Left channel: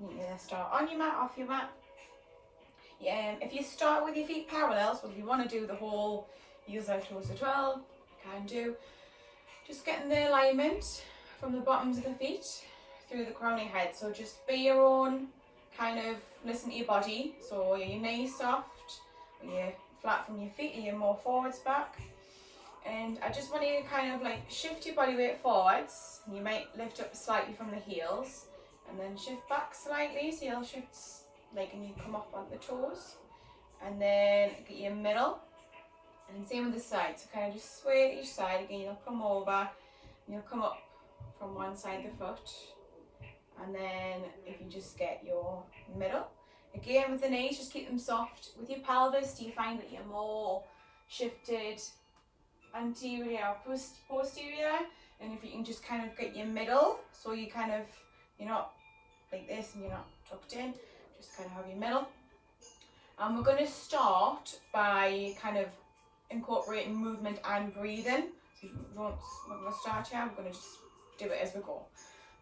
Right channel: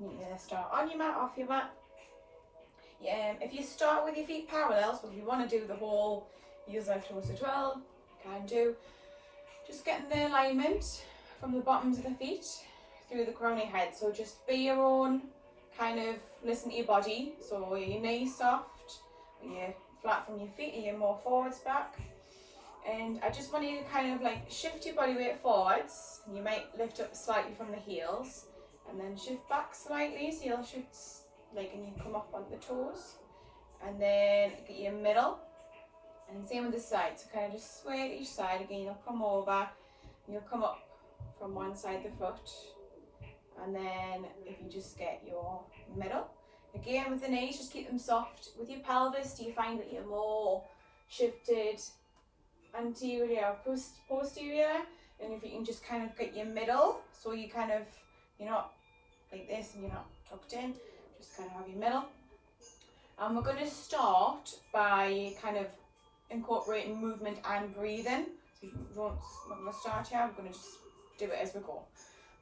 You can start on your mat, off your mat. If you start with your feet parallel, so if you want to do the whole heels out towards the 12, you can do. Just getting the alignment from the bottoms of the feet through the crown of your head. So just be your own, kind of listen to your body. So are your knees soft, are you flat from your feet, are you more forwards, back? And I just want you to kind of like shift your body weight forwards. You might lift up slightly from the heels and then shift back slightly. So you'll shift like, and you come up on the toes. And then get your middle. And same with the side. So kind of just sway to each side. Again, you'll come over. You'll come up from one side of the foot. And then if you just get your middle. Again, with the knees, just keep them soft. With your pelvis, do you find that you're more shifted anterior, posterior? And if you can just kind of get your middle, so you kind of, you're not like this and you're not tucked in, just kind of have your middle. And we're going to start by kind of incorporating movement and breathing. So we're going to start here, we're going to just do it as we go.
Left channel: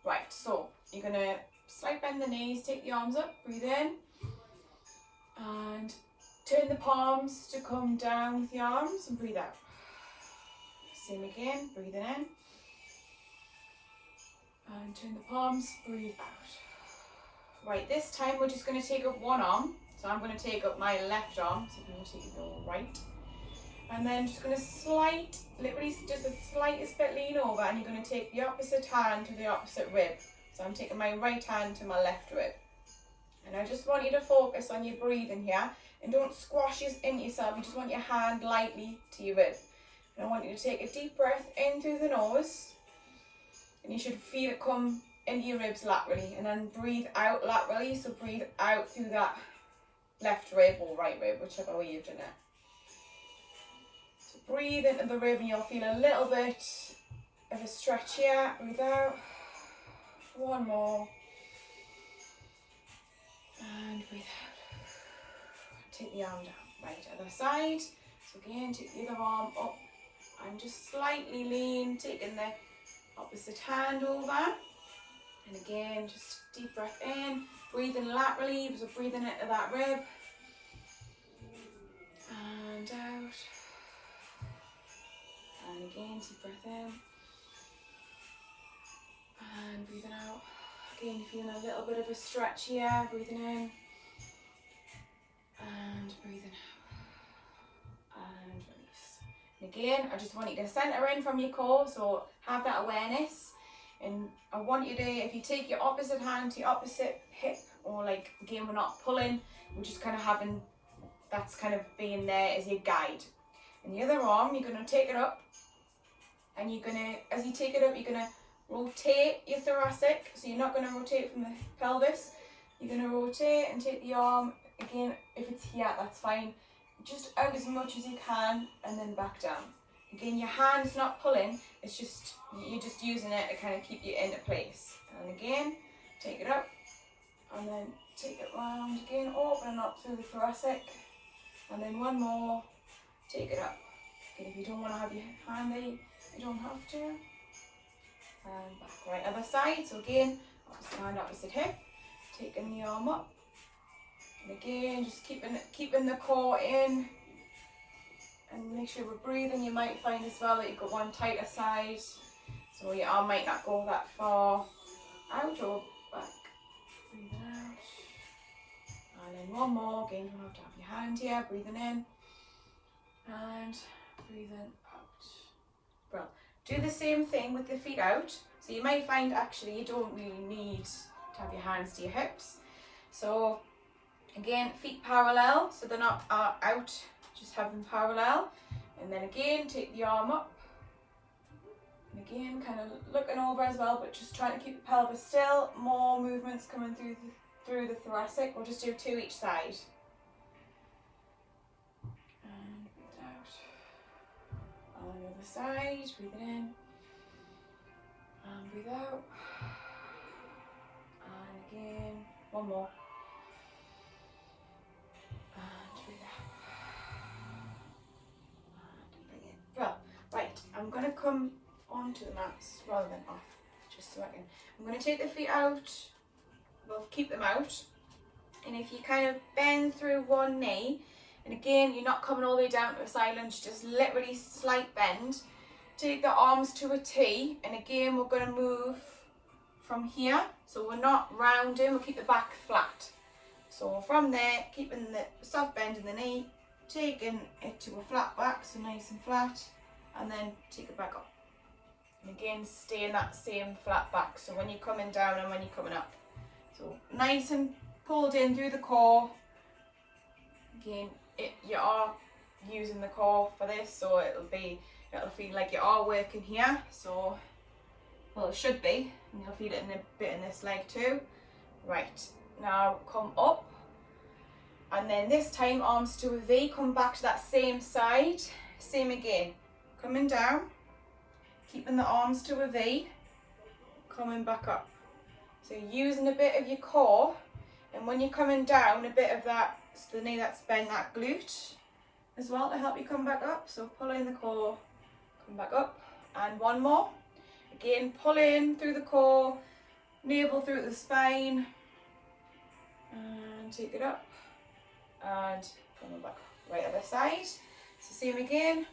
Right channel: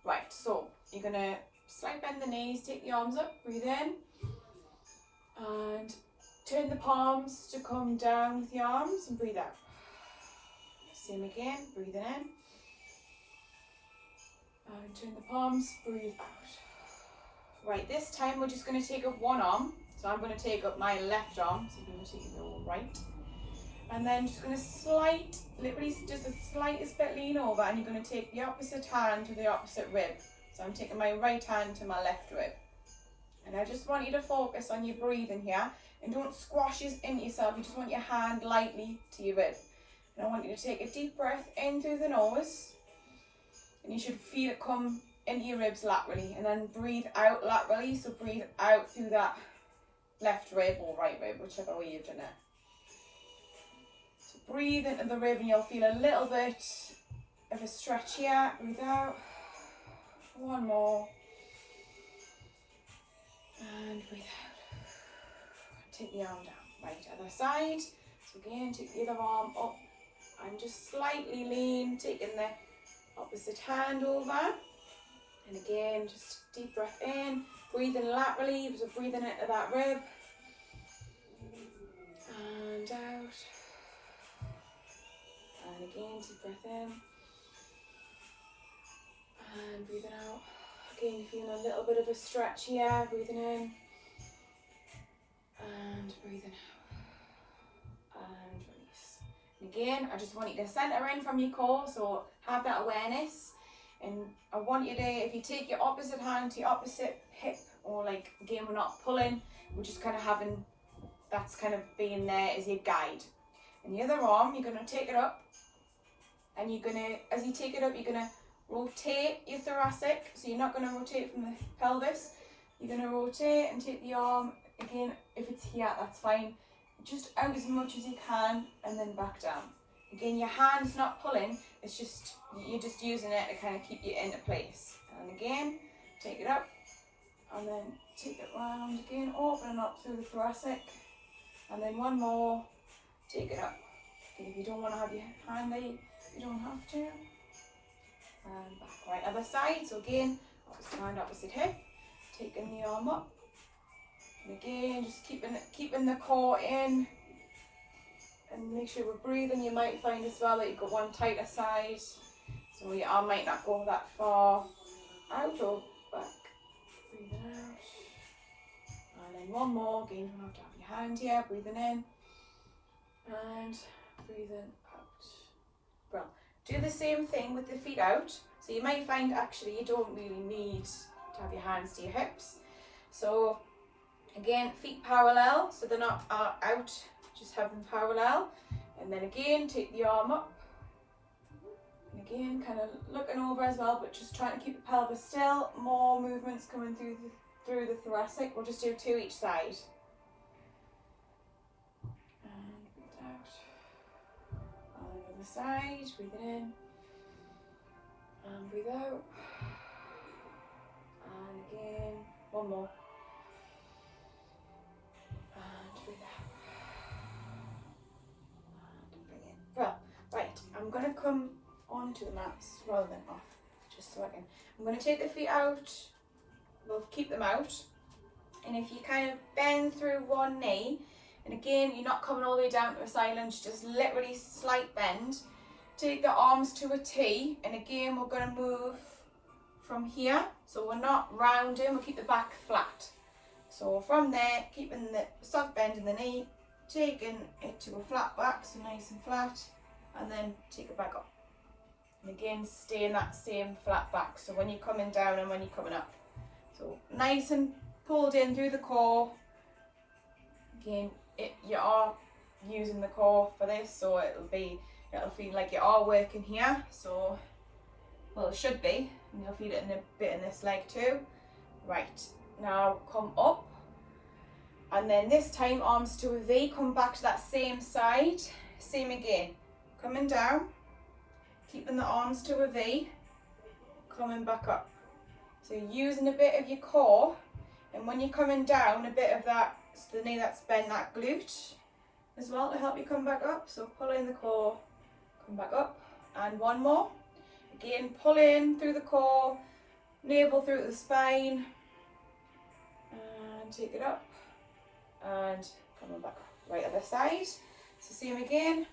Right, so you're going to slight bend the knees, take the arms up, breathe in. And turn the palms to come down with the arms and breathe out. Same again, breathing in. And turn the palms, breathe out. Right, this time we're just going to take up one arm. So I'm going to take up my left arm, so you will take your right. And then just going to literally just the slightest bit lean over, and you're going to take the opposite hand to the opposite rib. So I'm taking my right hand to my left rib. And I just want you to focus on your breathing here, and don't squash into yourself. You just want your hand lightly to your rib. And I want you to take a deep breath in through the nose, and you should feel it come into your ribs laterally, and then breathe out laterally. So breathe out through that left rib or right rib, whichever way you've done it. So breathe into the rib and you'll feel a little bit of a stretch here. Breathe out. One more. And breathe out. Take the arm down. Right, other side. So again, take the other arm up and just slightly lean, taking the opposite hand over. And again, just deep breath in, breathing laterally, so breathing into that rib. And out. And again, deep breath in. And breathing out. Again, you're feeling a little bit of a stretch here, breathing in. And breathing out. And release. And again, I just want you to centre in from your core, so have that awareness. And I want you to, if you take your opposite hand to your opposite hip, or like, again, we're not pulling, we're just kind of having, that's kind of being there as your guide. And the other arm, you're going to take it up, and you're going to, as you take it up, you're going to rotate your thoracic, so you're not going to rotate from the pelvis, you're going to rotate and take the arm, again, if it's here, that's fine, just out as much as you can, and then back down. Again, your hand's not pulling, it's just, you're just using it to kind of keep you into place. And again, take it up, and then take it round again, open up through the thoracic, and then one more, take it up. And if you don't want to have your hand there, you don't have to. And back, right, other side, so again, opposite hand, opposite hip, taking the arm up, and again, just keeping the core in. And make sure we're breathing. You might find as well that you've got one tighter side, so your arm might not go that far out or back. Breathing out. And then one more. Again, you don't have to have your hand here. Breathing in. And breathing out. Well, do the same thing with the feet out. So you might find actually you don't really need to have your hands to your hips. So again, feet parallel, so they're not out. Just have them parallel, and then again take the arm up, and again kind of looking over as well, but just trying to keep the pelvis still. More movements coming through the thoracic. We'll just do two each side. And breathe out. On the other side, breathing in, and breathe out, and again, one more. I'm going to come onto the mats rather than off, just so I can. I'm going to take the feet out we'll keep them out. And if you kind of bend through one knee, and again, you're not coming all the way down to a silence, just literally slight bend. Take the arms to a T, and again, we're going to move from here. So we're not rounding, we'll keep the back flat. So from there, keeping the soft bend in the knee, taking it to a flat back, so nice and flat, and then take it back up. And again, stay in that same flat back, so when you're coming down and when you're coming up. So nice and pulled in through the core. Again, you are using the core for this, so it'll feel like you are working here. So, well, it should be, and you'll feel it in a bit in this leg too. Right, now come up, and then this time arms to a V, come back to that same side, same again, coming down, keeping the arms to a V, coming back up. So using a bit of your core, and when you're coming down, a bit of that, so the knee that's bent, that glute as well to help you come back up. So pull in the core, come back up, and one more. Again, pull in through the core, navel through the spine, and take it up, and come on back up. Right other side. So same again,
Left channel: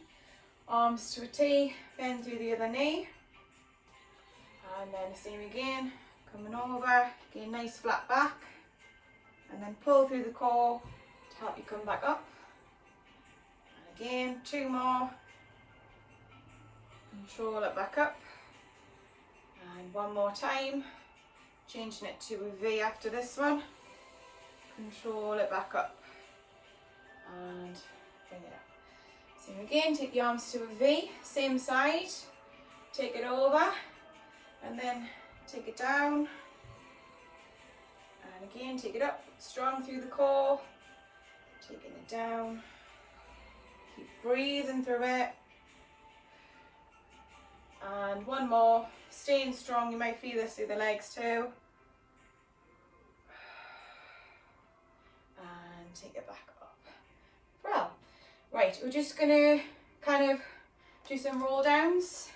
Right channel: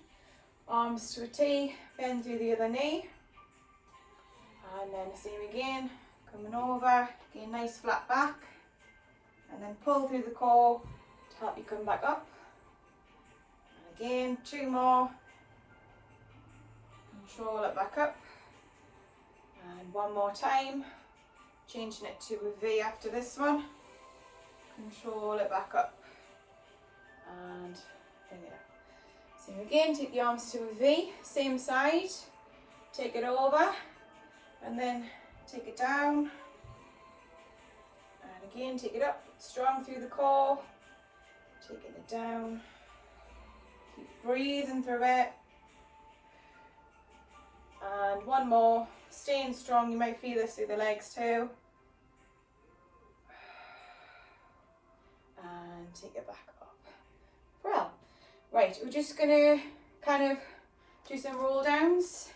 arms to a T, bend through the other knee, and then same again, coming over, again nice flat back, and then pull through the core to help you come back up. And again, two more, control it back up, and one more time, changing it to a V after this one, control it back up, and bring it up. Same again, take the arms to a V, same side, take it over, and then take it down, and again take it up, strong through the core, taking it down, keep breathing through it, and one more, staying strong. You might feel this through the legs too, and take it back up. Well, right, we're just going to kind of do some roll downs.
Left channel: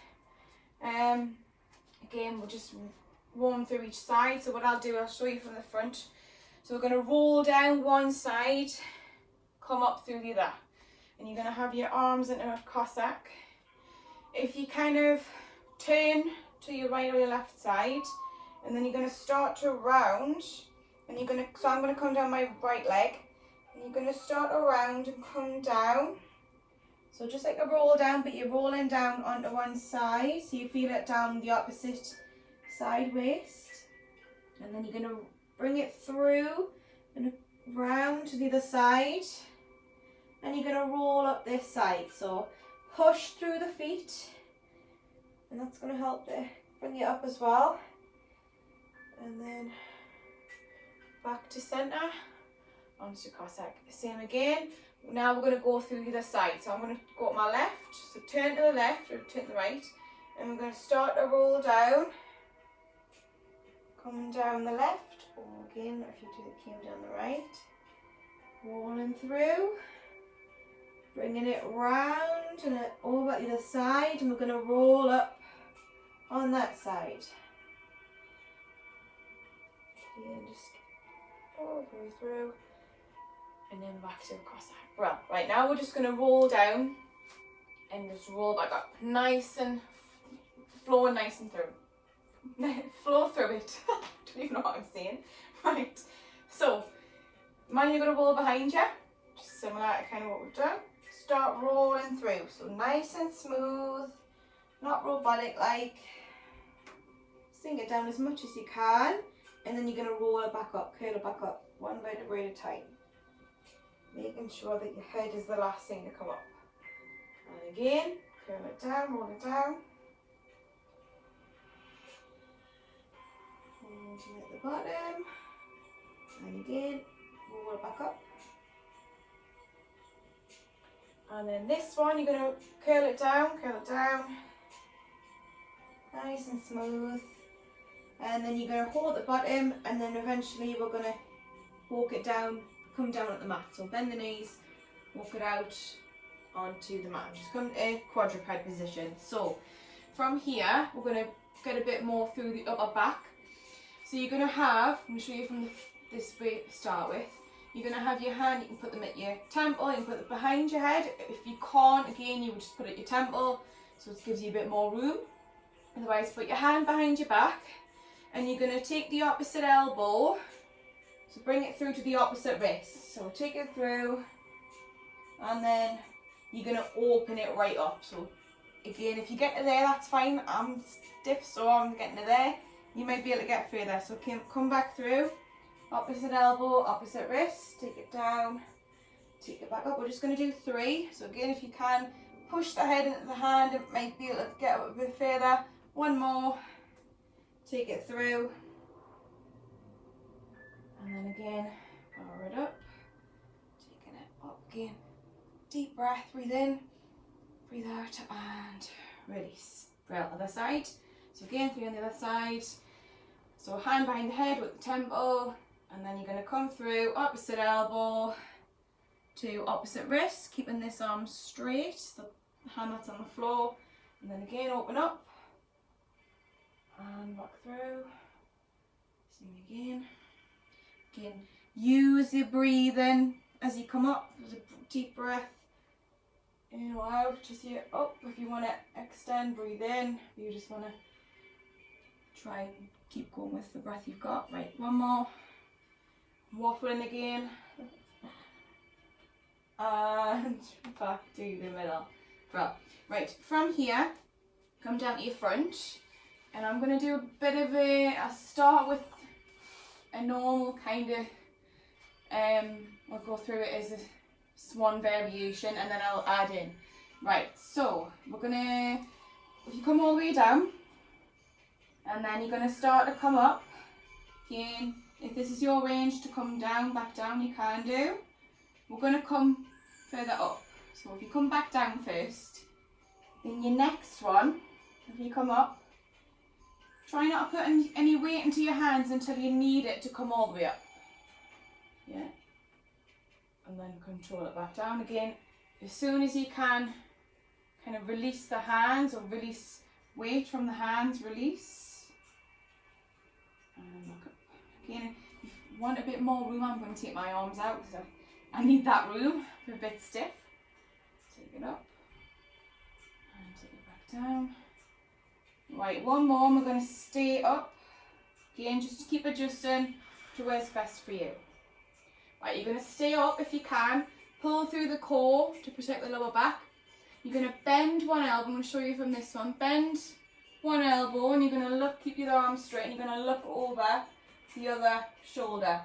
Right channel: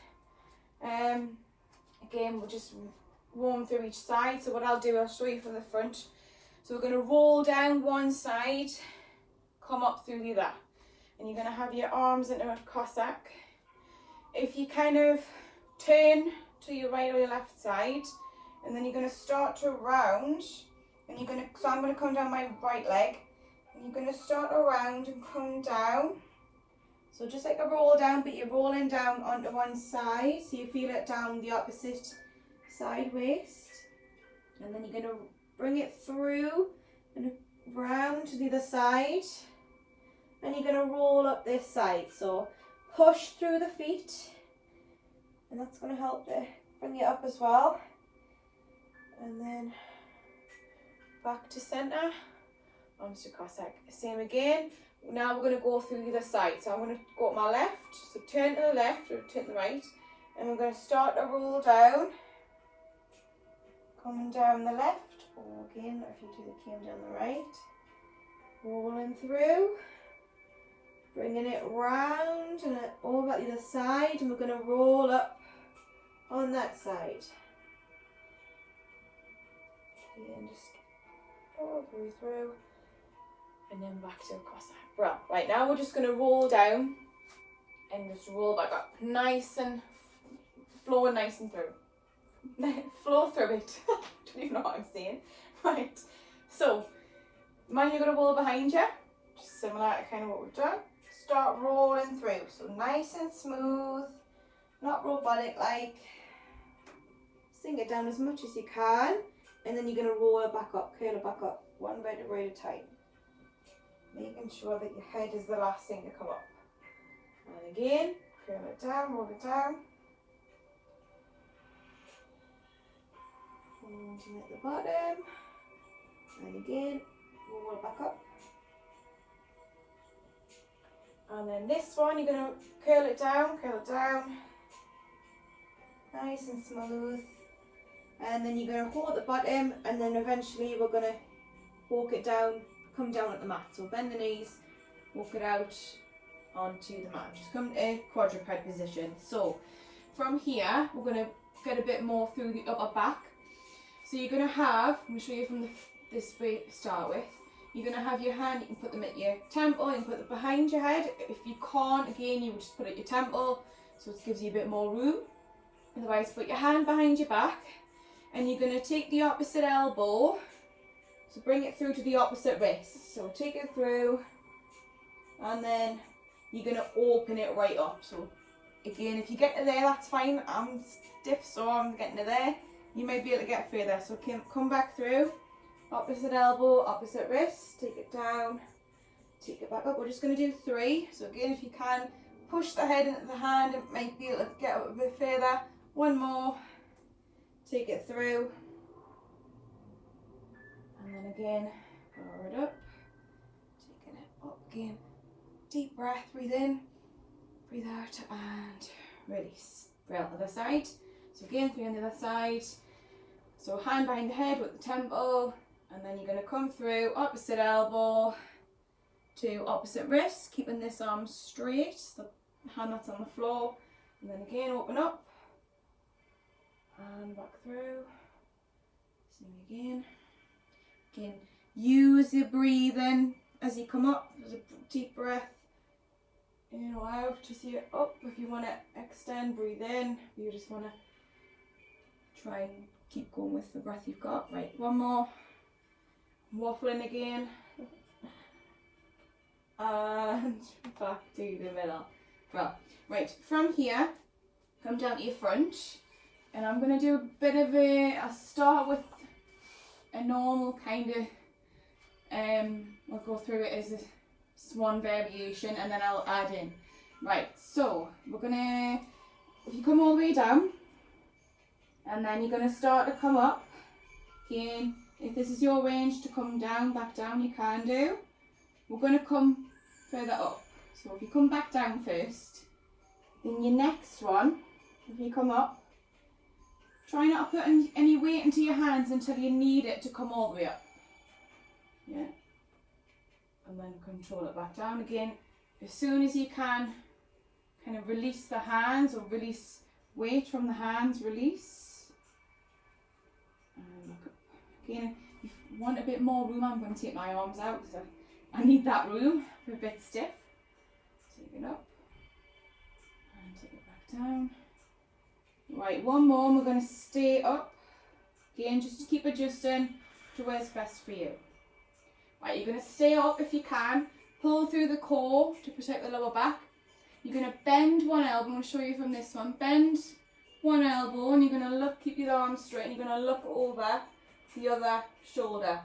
Again, we'll just warm through each side. So what I'll do, I'll show you from the front. So we're going to roll down one side, come up through the other, and you're going to have your arms into a Cossack. If you kind of turn to your right or your left side, and then you're going to start to round, and you're going to, so I'm going to come down my right leg, and you're going to start around and come down. So just like a roll down, but you're rolling down onto one side, so you feel it down the opposite side waist. And then you're going to bring it through and round to the other side. And you're going to roll up this side. So push through the feet, and that's going to help to bring you up as well. And then back to centre, onto Cossack. Same again. Now we're going to go through the other side. So I'm going to go to my left, so turn to the left or turn to the right, and we're going to start to roll down, coming down the left, or again if you do the came down the right, rolling through, bringing it round and over the other side, and we're going to roll up on that side. And just all the way through, and then back to a Cossack. Well, right now we're just going to roll down and just roll back up, nice and flowing nice and through. Flow through it. Don't even know what I'm saying. Right, so mind you're going to roll behind you, just similar to kind of what we've done. Start rolling through, so nice and smooth, not robotic like. Sink it down as much as you can, and then you're going to roll it back up, curl it back up, one vertebrae at a time. Making sure that your head is the last thing to come up. And again, curl it down, roll it down. And at the bottom. And again, roll it back up. And then this one, you're going to curl it down. Nice and smooth. And then you're going to hold the bottom, and then eventually we're going to walk it down, come down at the mat. So bend the knees, walk it out onto the mat. Just come to quadruped position. So from here, we're going to get a bit more through the upper back. So you're going to have, I'm going to show you from this way to start with. You're going to have your hand, you can put them at your temple, you can put them behind your head. If you can't, again, you would just put it at your temple, so it gives you a bit more room. Otherwise, put your hand behind your back, and you're going to take the opposite elbow, so bring it through to the opposite wrist. So take it through, and then you're going to open it right up. So again, if you get to there, that's fine. I'm stiff, so I'm getting to there. You might be able to get further. So come back through. Opposite elbow, opposite wrist, take it down, take it back up. We're just going to do 3. So again, if you can, push the head into the hand, it might be able to get up a bit further. 1 more, take it through, and then again, power it up, taking it up again. Deep breath, breathe in, breathe out, and release. For the other side. So again, for on the other side, so hand behind the head with the temple. And then you're going to come through opposite elbow to opposite wrist, keeping this arm straight, the hand that's on the floor. And then again, open up and back through. Same again. Again, use your breathing as you come up. There's a deep breath in or out, just here up. If you want to extend, breathe in. If you just want to try and keep going with the breath you've got. Right, 1 more. Waffling again, and back to the middle. Right, from here, come down to your front, and I'm going to do a bit of I'll start with a normal kind of, I'll go through it as a swan variation, and then I'll add in. Right, so we're going to, if you come all the way down, and then you're going to start to come up, again. If this is your range to come down, back down, you can do. We're going to come further up. So if you come back down first, then your next one, if you come up, try not to put any weight into your hands until you need it to come all the way up. Yeah. And then control it back down again. As soon as you can, kind of release the hands or release weight from the hands, release. And look up. Again, if you want a bit more room, I'm going to take my arms out because I need that room. They're a bit stiff. Take it up and take it back down. Right, 1 more and we're going to stay up. Again, just to keep adjusting to where's best for you. Right, you're going to stay up if you can. Pull through the core to protect the lower back. You're going to bend 1 elbow. I'm going to show you from this one. Bend 1 elbow and you're going to look, keep your arms straight, and you're going to look over the other shoulder,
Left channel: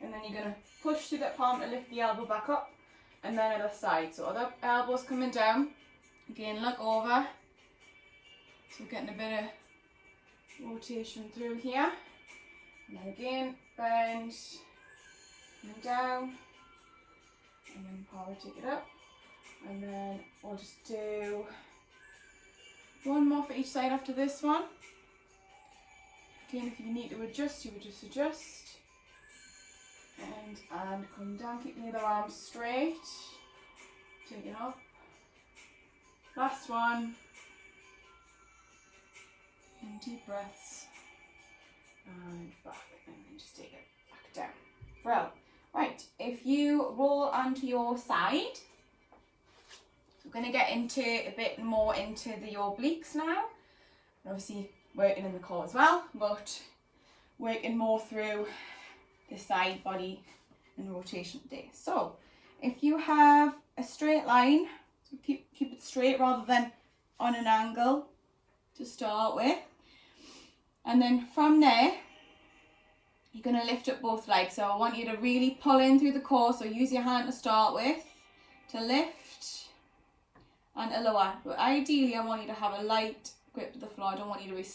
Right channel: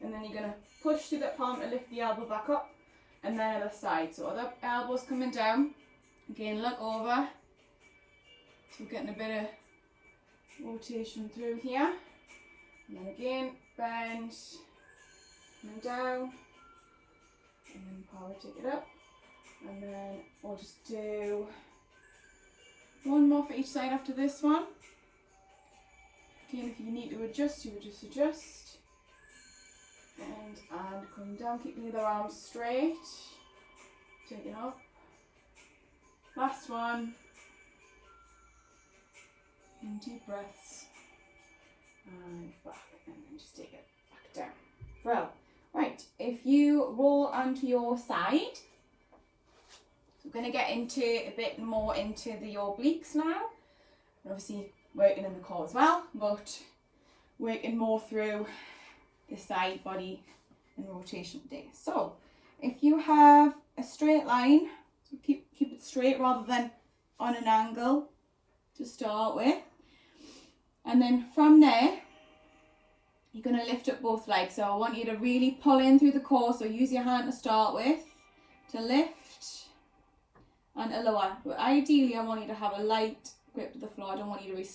and then you're going to push through that palm to lift the elbow back up, and then other side. So other elbows coming down. Again, look over. So we're getting a bit of rotation through here, and then again bend and down, and then power take it up, and then we'll just do 1 more for each side after this one. Again, if you need to adjust, you would just adjust. And come down, keep the other arm straight. Take it up. Last one. And deep breaths. And back. And then just take it back down. Well, right, if you roll onto your side, we're going to get into a bit more into the obliques now. Obviously, working in the core as well, but working more through the side body and rotation today. So if you have a straight line, so keep it straight rather than on an angle to start with, and then from there you're going to lift up both legs. So I want you to really pull in through the core, so use your hand to start with to lift and to lower, but ideally I want you to have a light grip to the floor. I don't want you to be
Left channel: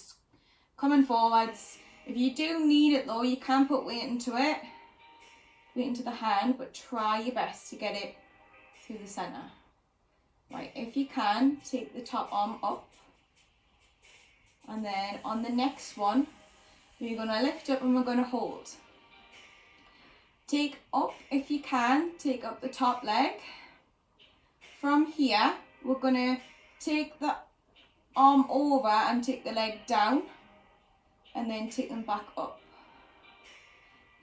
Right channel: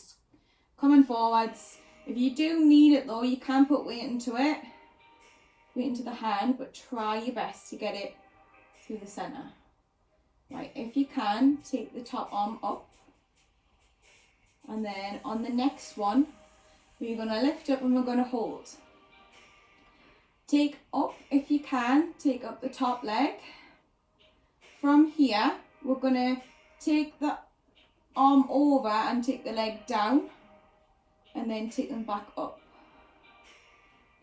coming forwards. If you do need it though, you can put weight into it, weight into the hand, but try your best to get it through the centre. Right, if you can, take the top arm up, and then on the next one, we're going to lift up and we're going to hold. Take up, if you can, take up the top leg. From here, we're going to take the arm over and take the leg down, and then take them back up.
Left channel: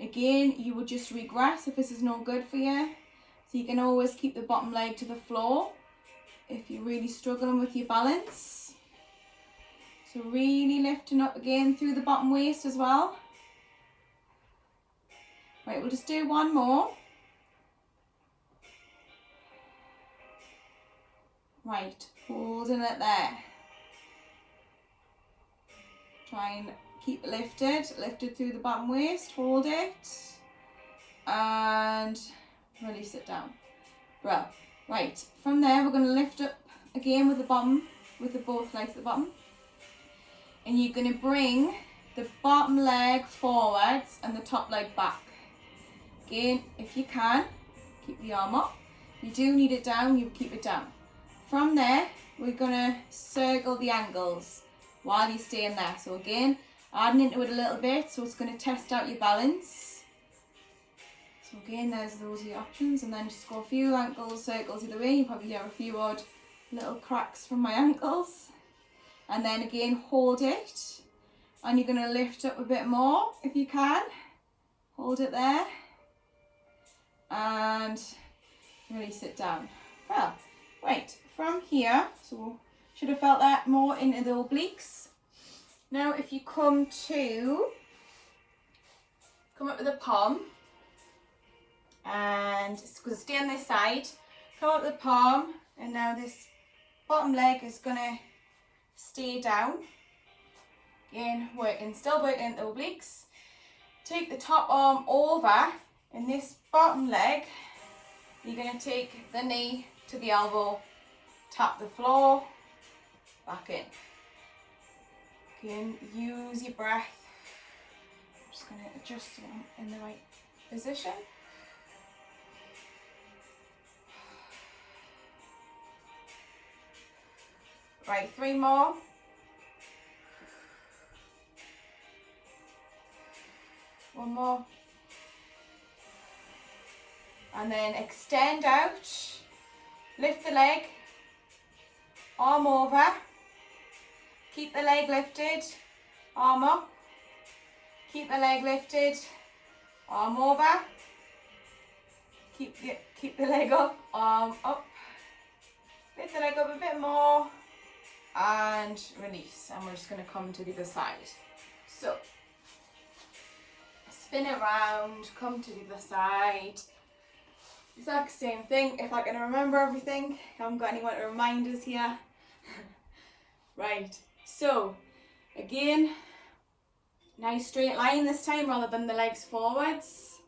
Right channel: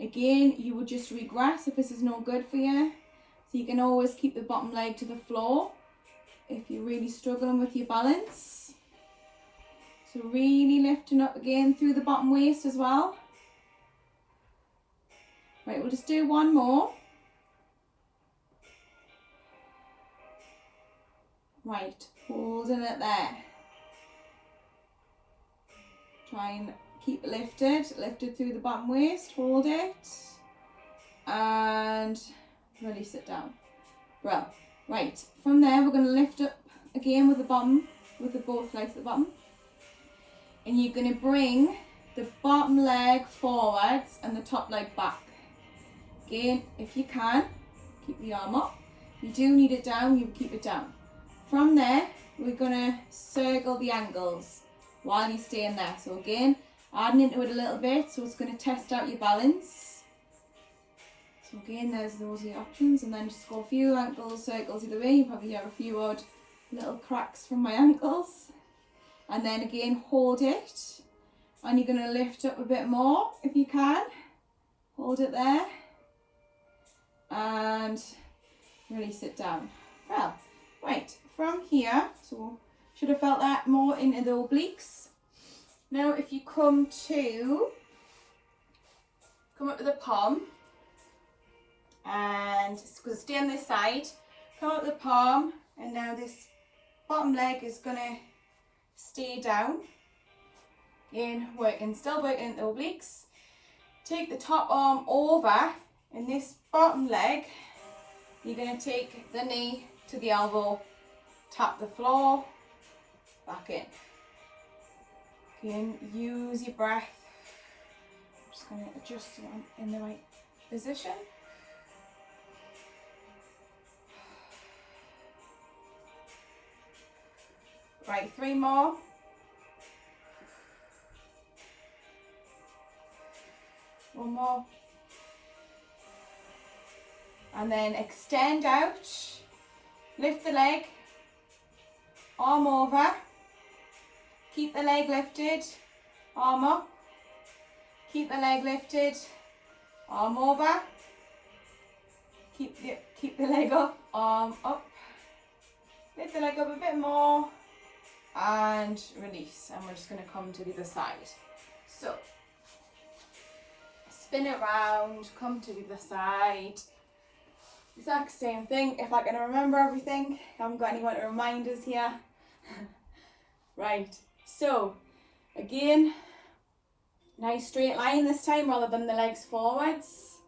Again, you would just regress if this is no good for you. So you can always keep the bottom leg to the floor if you're really struggling with your balance. So really lifting up again through the bottom waist as well. Right, we'll just do one more. Right, holding it there. Try and keep it lifted through the bottom waist, hold it, and release it down. Right, from there we're going to lift up again with the bottom, with the both legs at the bottom. And you're going to bring the bottom leg forwards and the top leg back. Again, if you can, keep the arm up. If you do need it down, you keep it down. From there, we're going to circle the ankles while you're staying there. So again, adding into it a little bit, so it's going to test out your balance. So again, those are your options, and then just go a few ankles, circles either way. You probably hear a few odd little cracks from my ankles. And then again, hold it. And you're going to lift up a bit more if you can. Hold it there. And release it down. Well, right, from here, so should have felt that more into the obliques. Now if you come up with the palm, and it's going to stay on this side, come up with the palm, and now this bottom leg is going to stay down. Again, still working into the obliques. Take the top arm over, and this bottom leg, you're going to take the knee to the elbow, tap the floor, back in. Again, use your breath. I'm just going to adjust so I'm in the right position. Right, 3 more. One more. And then extend out. Lift the leg. Arm over. Keep the leg lifted. Arm up. Keep the leg lifted. Arm over. Keep the leg up. Arm up. Lift the leg up a bit more. And release. And we're just going to come to the other side. So, spin it round, come to the other side. Exact same thing, if I can remember everything. I haven't got any more reminders here. Right, so again, nice straight line this time rather than the legs forwards.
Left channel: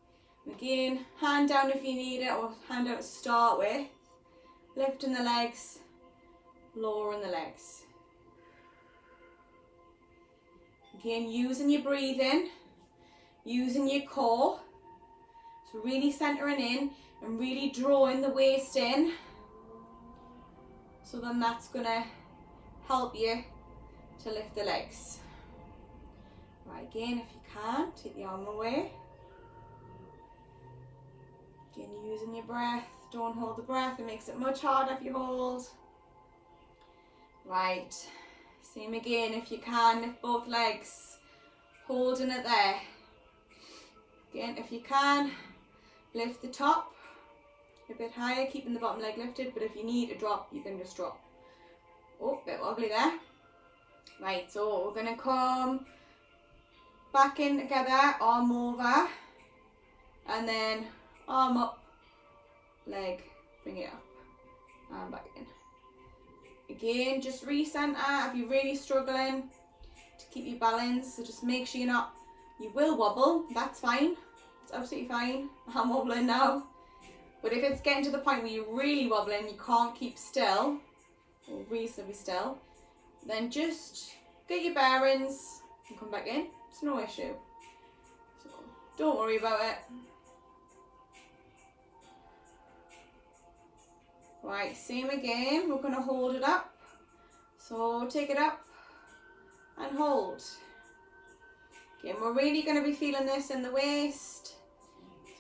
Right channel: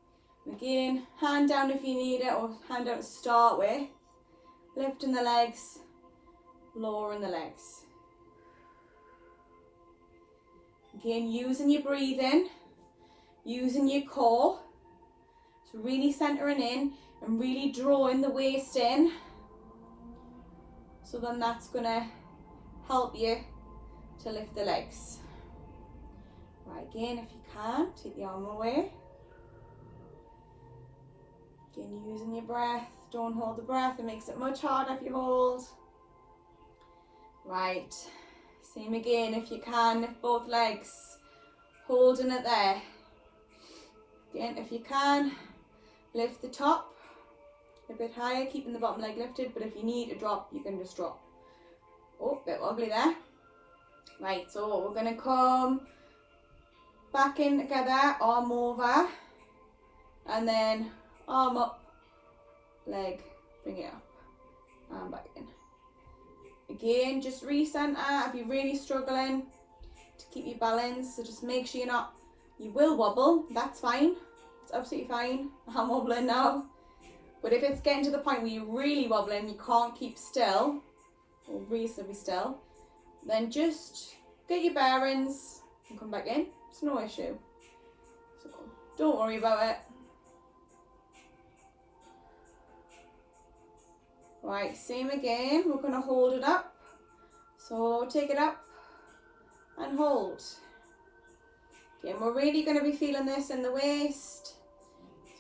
Again, hand down if you need it, or hand down to start with. Lifting the legs, lowering the legs. Again, using your breathing, using your core. So really centering in and really drawing the waist in. So then that's going to help you to lift the legs. Right, again, if you can, take the arm away. Again, using your breath. Don't hold the breath, it makes it much harder if you hold. Right, same again if you can, lift both legs, holding it there. Again, if you can, lift the top a bit higher, keeping the bottom leg lifted, but if you need a drop, you can just drop. Oh, bit wobbly there. Right, so we're going to come back in together, arm over, and then arm up, leg, bring it up, and back in. Again, just recenter if you're really struggling to keep your balance, so just make sure you will wobble, that's fine, it's absolutely fine. I'm wobbling now. But if it's getting to the point where you're really wobbling, you can't keep still, or reasonably still, then just get your bearings and come back in. It's no issue. So don't worry about it. Right, same again. We're going to hold it up. So take it up and hold. Again, we're really going to be feeling this in the waist.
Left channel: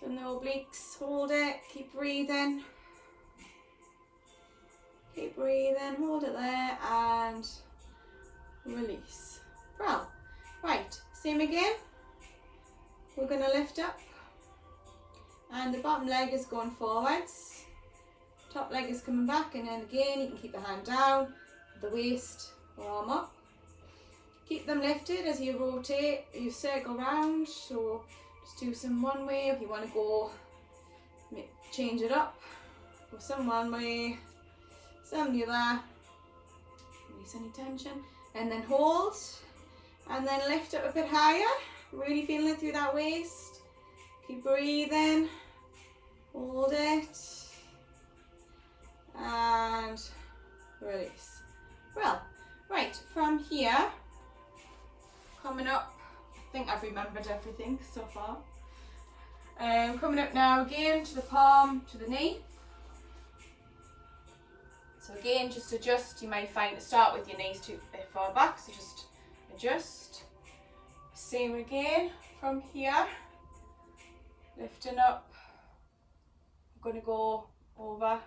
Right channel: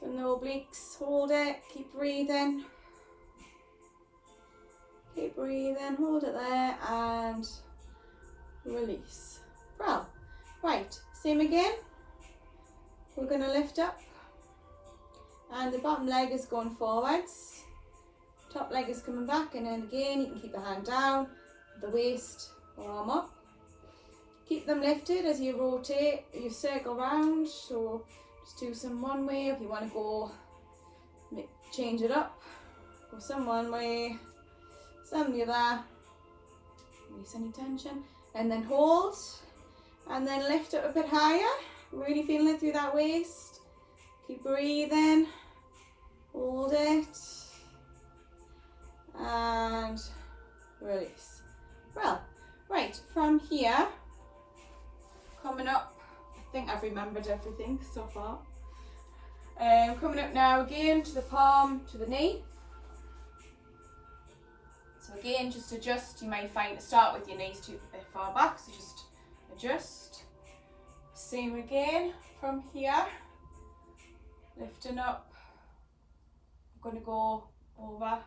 So in the obliques, hold it, keep breathing. Keep breathing, hold it there and release. Well, right, same again. we're going to lift up, and the bottom leg is going forwards, top leg is coming back, and then again you can keep the hand down, the waist arm up. Keep them lifted as you rotate, you circle round, so just do some one way. If you want to go, change it up, go some one way, some the other, release any tension, and then hold, and then lift up a bit higher, really feeling it through that waist. Keep breathing, hold it, and release. Well, right, from here, coming up, I think I've remembered everything so far. Coming up now again to the palm, to the knee. So again, just adjust. You may find start with your knees too far back, so just adjust. Same again from here, lifting up. I'm going to go over,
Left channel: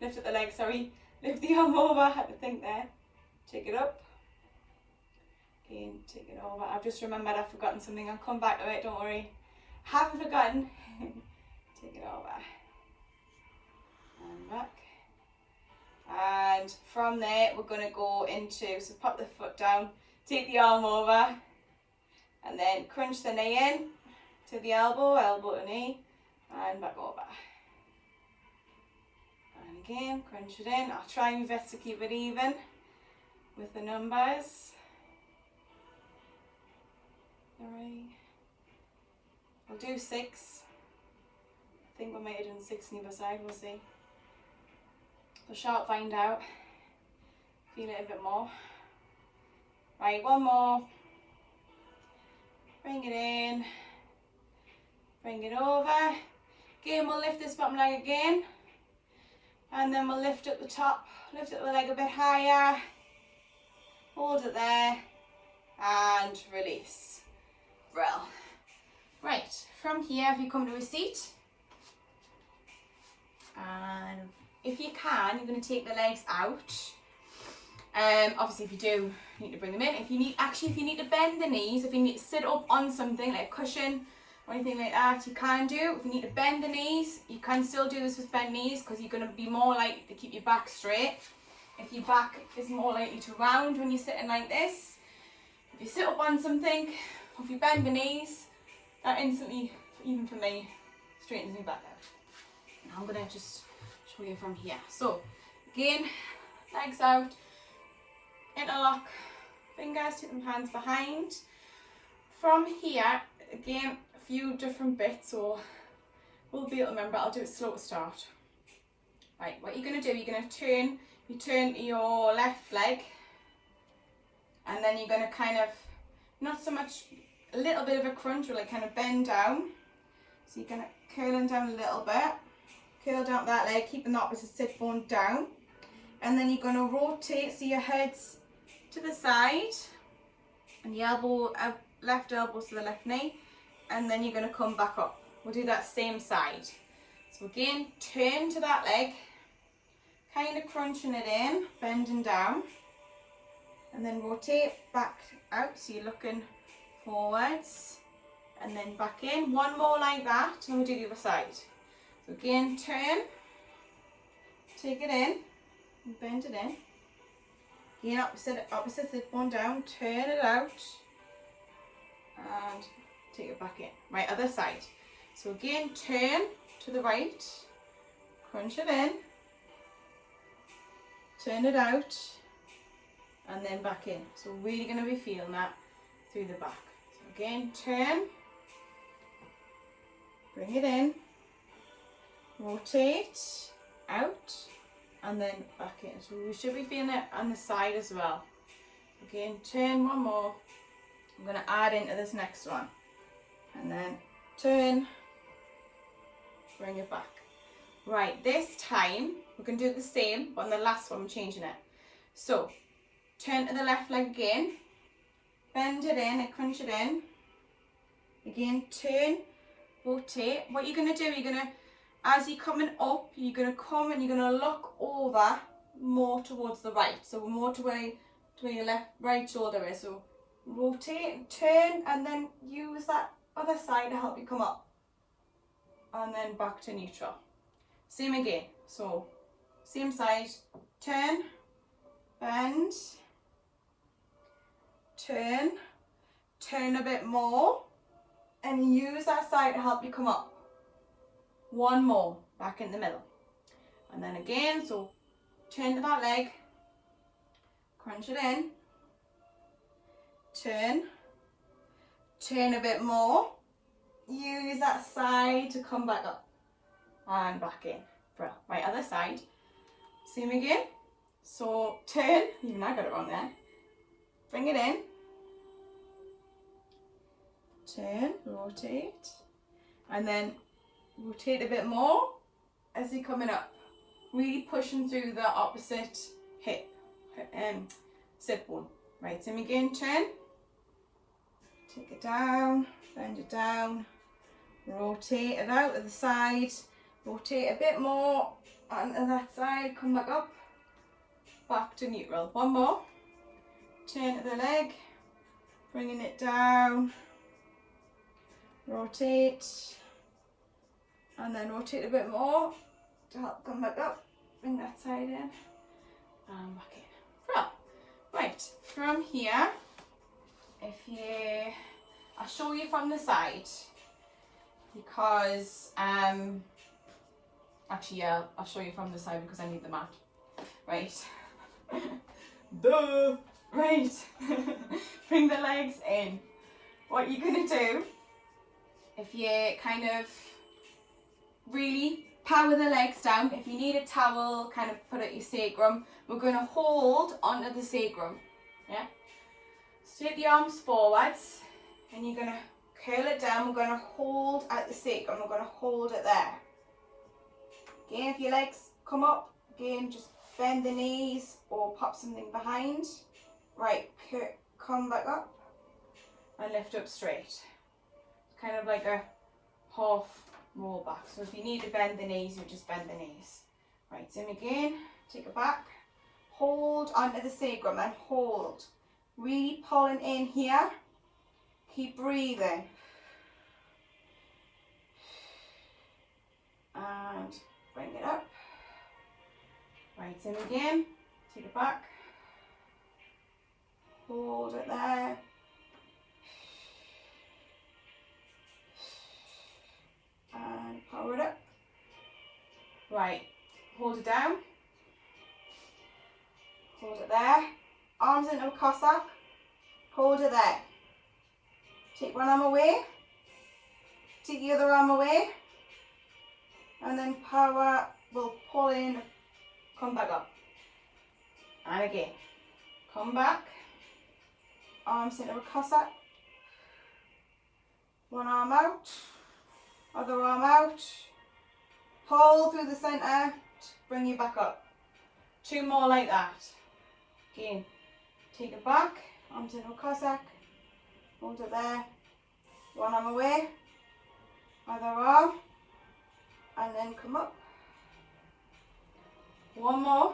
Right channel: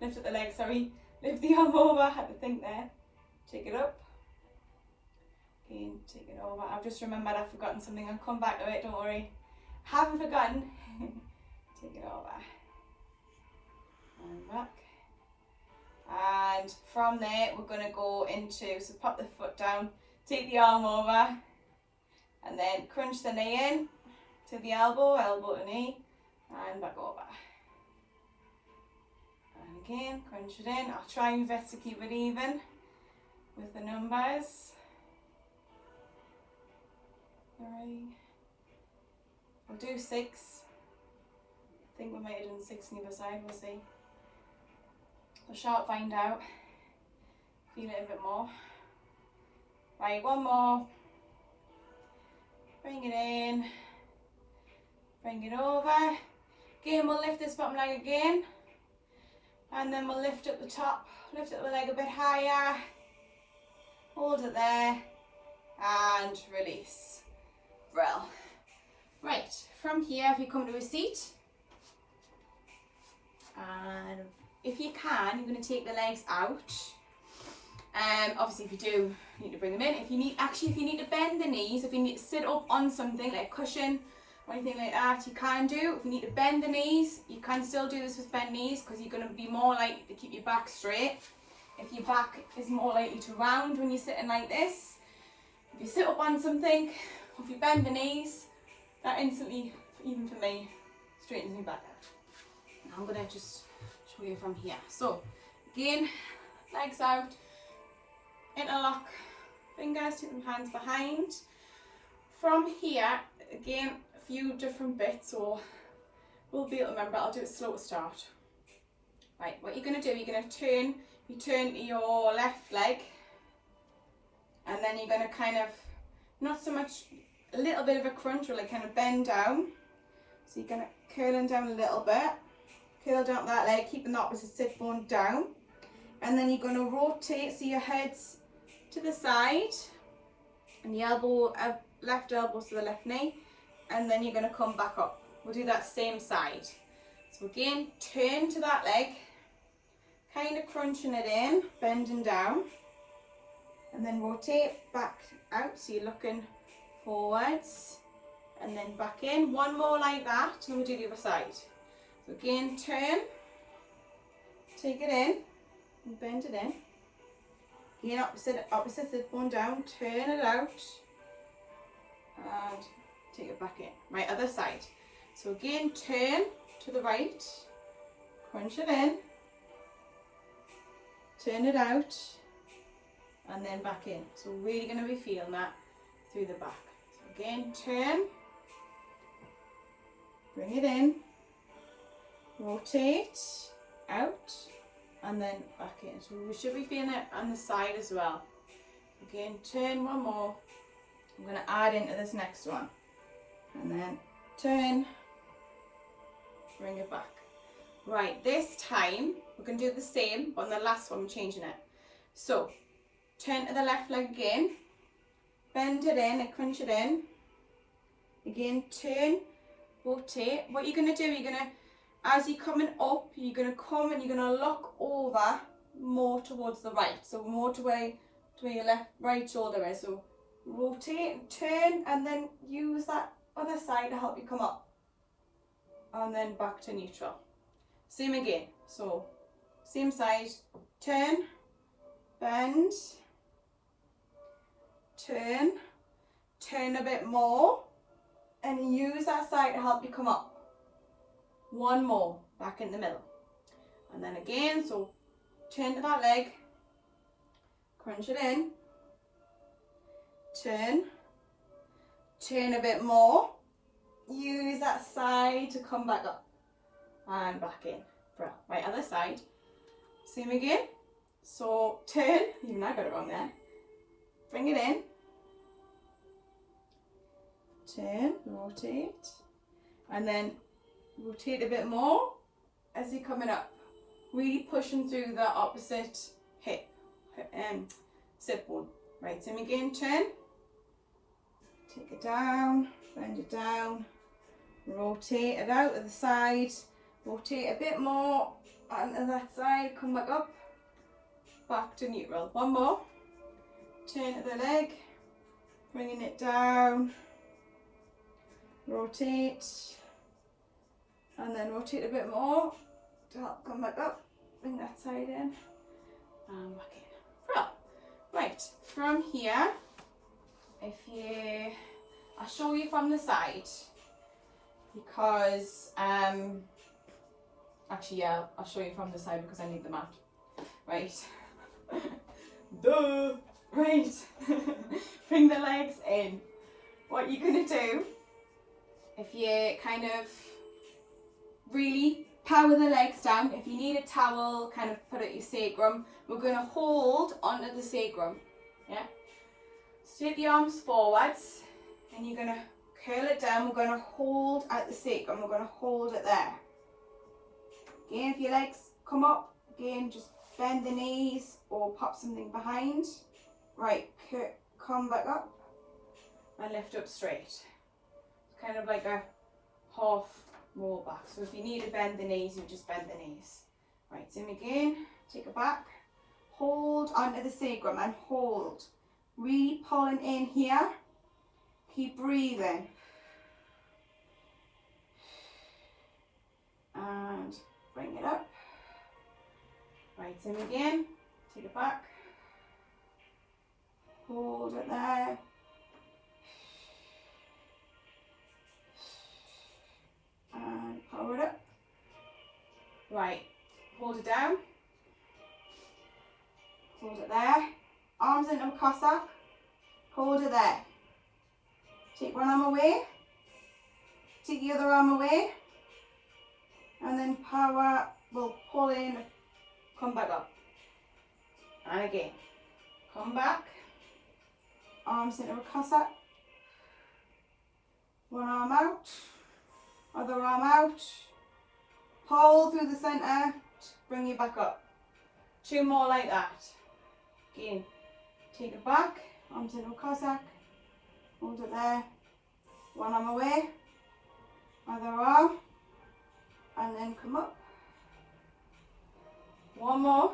lift up the leg, sorry, lift the arm over, I had to think there. Take it up. Again, take it over. I've just remembered I've forgotten something. I'll come back to it, don't worry. Haven't forgotten. Take it over. And back. And from there, we're going to go into, so pop the foot down, take the arm over, and then crunch the knee in to the elbow, elbow to knee, and back over. And again, crunch it in. I'll try my best to keep it even with the numbers. 3. I'll do 6. I think we might have done 6 on either side, we'll see. We shall find out. Feel it a bit more. Right, one more. Bring it in. Bring it over. Again, we'll lift this bottom leg again. And then we'll lift up the top. Lift up the leg a bit higher. Hold it there. And release. Well. Right, from here, if you come to a seat. And if you can, you're going to take the legs out. Obviously, if you do, you need to bring them in. If you need to bend the knees, if you need to sit up on something like a cushion or anything like that, you can do. If you need to bend the knees, you can still do this with bent knees because you're going to be more likely to keep your back straight. If your back is more likely to round when you're sitting like this. If you sit up on something, or if you bend the knees, that instantly, even for me, straightens me back out. Now I'm going to just show you from here. So, again, legs out, interlock, fingers, take them hands behind. From here, again, a few different bits, so we'll be able to remember. I'll do it slow to start. Right, what you're going to do, you're going to turn your left leg, and then you're going to kind of, not so much, a little bit of a crunch, or like kind of bend down. So you're going to curl them down a little bit, curl down that leg, keeping the opposite sit bone down, and then you're going to rotate, so your head's to the side, and the elbow, left elbow to the left knee, and then you're going to come back up. We'll do that same side. So again, turn to that leg, kind of crunching it in, bending down, and then rotate back out, so you're looking forwards, and then back in. One more like that, and we'll do the other side. So again, turn, take it in, and bend it in. Again, opposite sit bone down, turn it out, and take it back in. Right, other side. So again, turn to the right, crunch it in, turn it out, and then back in. So we're really going to be feeling that through the back. So again, turn, bring it in, rotate, out, and then back in. So we should be feeling it on the side as well. Again, turn one more. I'm going to add into this next one. And then turn, bring it back. Right, this time we're going to do the same, but on the last one we're changing it. So, turn to the left leg again, bend it in and crunch it in. Again, turn, rotate. What you're going to do, you're going to, as you're coming up, you're going to come and you're going to look over more towards the right. So more to where your right shoulder is. So rotate, turn, and then use that other side to help you come up. And then back to neutral. Same again. So same side, turn, bend, turn, turn a bit more, and use that side to help you come up. One more, back in the middle. And then again, so turn to that leg, crunch it in, turn, turn a bit more, use that side to come back up, and back in. Right, other side, same again. So turn, even I got it wrong there, bring it in, turn, rotate, and then rotate a bit more as you're coming up, really pushing through the opposite hip and sit bone. Right, same again, turn, take it down, bend it down, rotate it out to the side, rotate a bit more onto that side, come back up, back to neutral. One more, turn to the leg, bringing it down, rotate, and then rotate a bit more to help come back up, bring that side in, and back in. Right, from here, I'll show you from the side, because, actually yeah, I'll show you from the side because I need the mat. Right, duh, right, bring the legs in. What you're gonna do, if you kind of really power the legs down, if you need a towel, kind of put it at your sacrum, we're going to hold onto the sacrum, yeah? So take the arms forwards, and you're going to curl it down, we're going to hold at the sacrum, we're going to hold it there. Again, if your legs come up, again, just bend the knees, or pop something behind. Right, come back up, and lift up straight. It's kind of like a half roll back. So if you need to bend the knees, you just bend the knees. Right, same again, take it back, hold onto the sacrum and hold. Really pulling in here, keep breathing. And bring it up. Right, same again, take it back, hold it there. And power it up. Right, hold it down. Hold it there. Arms into a Cossack. Hold it there. Take one arm away. Take the other arm away. And then power, we'll pull in, come back up. And again. Come back. Arms into a Cossack. One arm out. Other arm out, pull through the centre, bring you back up. Two more like that. Again, take it back, arms into a Cossack, hold it there, one arm away, other arm, and then come up. One more,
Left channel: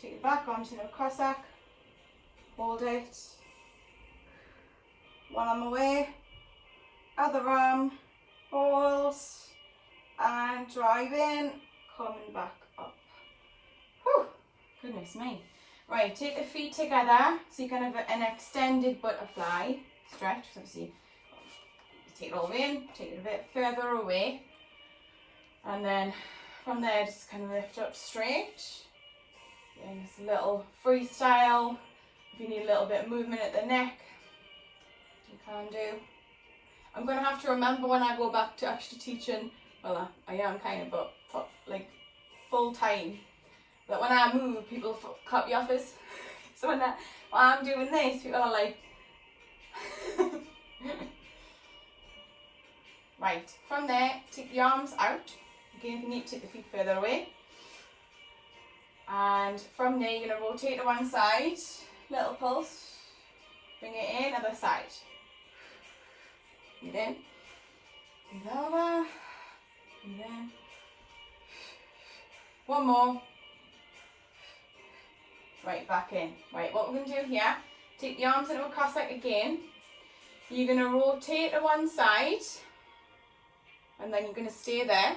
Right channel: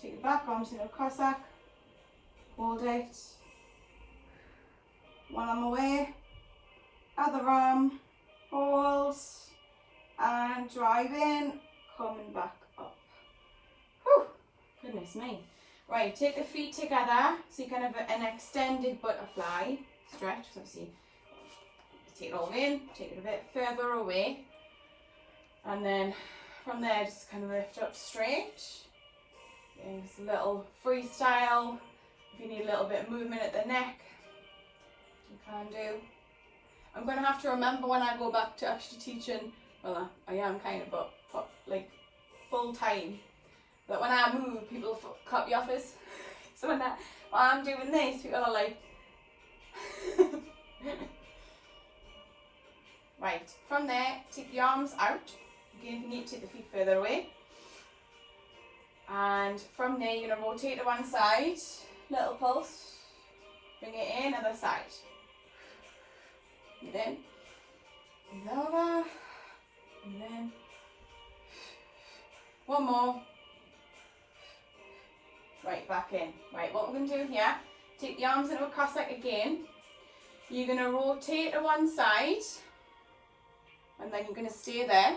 take it back, arms into a Cossack, hold it, one arm away, other arm, hold, and drive in, coming back up. Whew, goodness me. Right, take the feet together, so you can have an extended butterfly stretch. So obviously, take it all in, take it a bit further away, and then from there, just kind of lift up straight. Doing this little freestyle. If you need a little bit of movement at the neck, you can do. I'm going to have to remember when I go back to actually teaching, well I am kind of, but like full time, that when I move people cut me off as, so when I'm doing this, people are like, right, from there, take the arms out, again if you need to take the feet further away, and from there you're going to rotate to one side, little pulse, bring it in, other side. Breathe in, breathe over, breathe in. One more. Right, back in. Right, what we're going to do here, take the arms into a Cossack again. You're going to rotate to one side, and then you're going to stay there.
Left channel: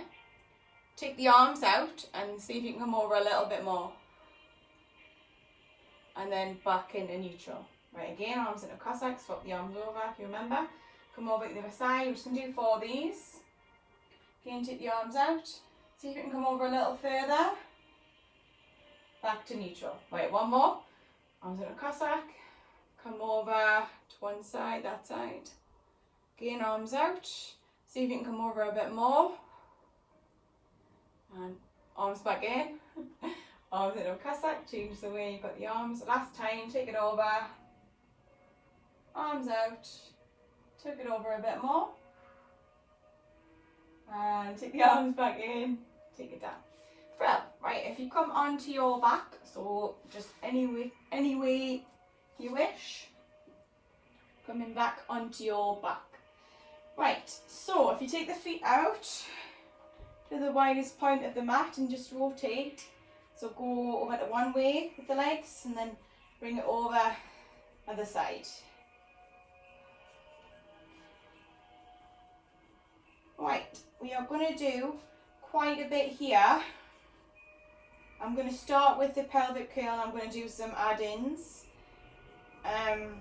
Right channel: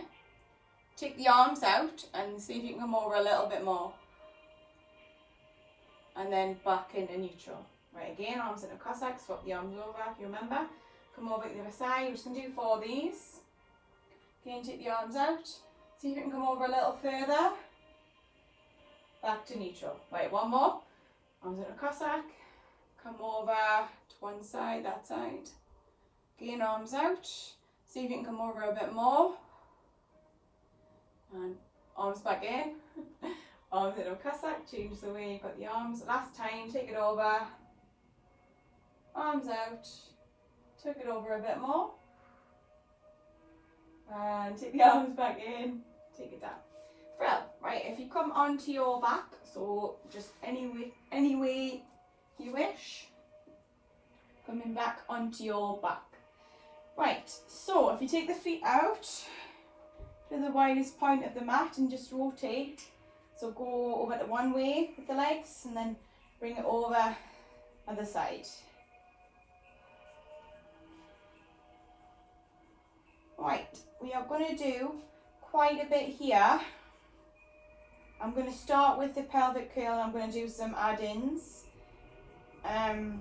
Take the arms out and see if you can come over a little bit more. And then back into neutral. Right, again, arms into Cossack, swap the arms over if you remember. Come over to the other side, we're just going to do 4 of these. Again, take the arms out. See if you can come over a little further. Back to neutral. Right, one more. Arms into Cossack. Come over to one side, that side. Again, arms out. See if you can come over a bit more. And arms back in. Arms into Cossack. Change the way you've got the arms. Last time, take it over. Arms out. Took it over a bit more. And take the arms back in. Take it down. Well, right, if you come onto your back, so just any way you wish, coming back onto your back. Right, so if you take the feet out to the widest point of the mat and just rotate, so go over to one way with the legs and then bring it over other side. Right, we are going to do quite a bit here. I'm going to start with the pelvic curl. I'm going to do some add-ins. And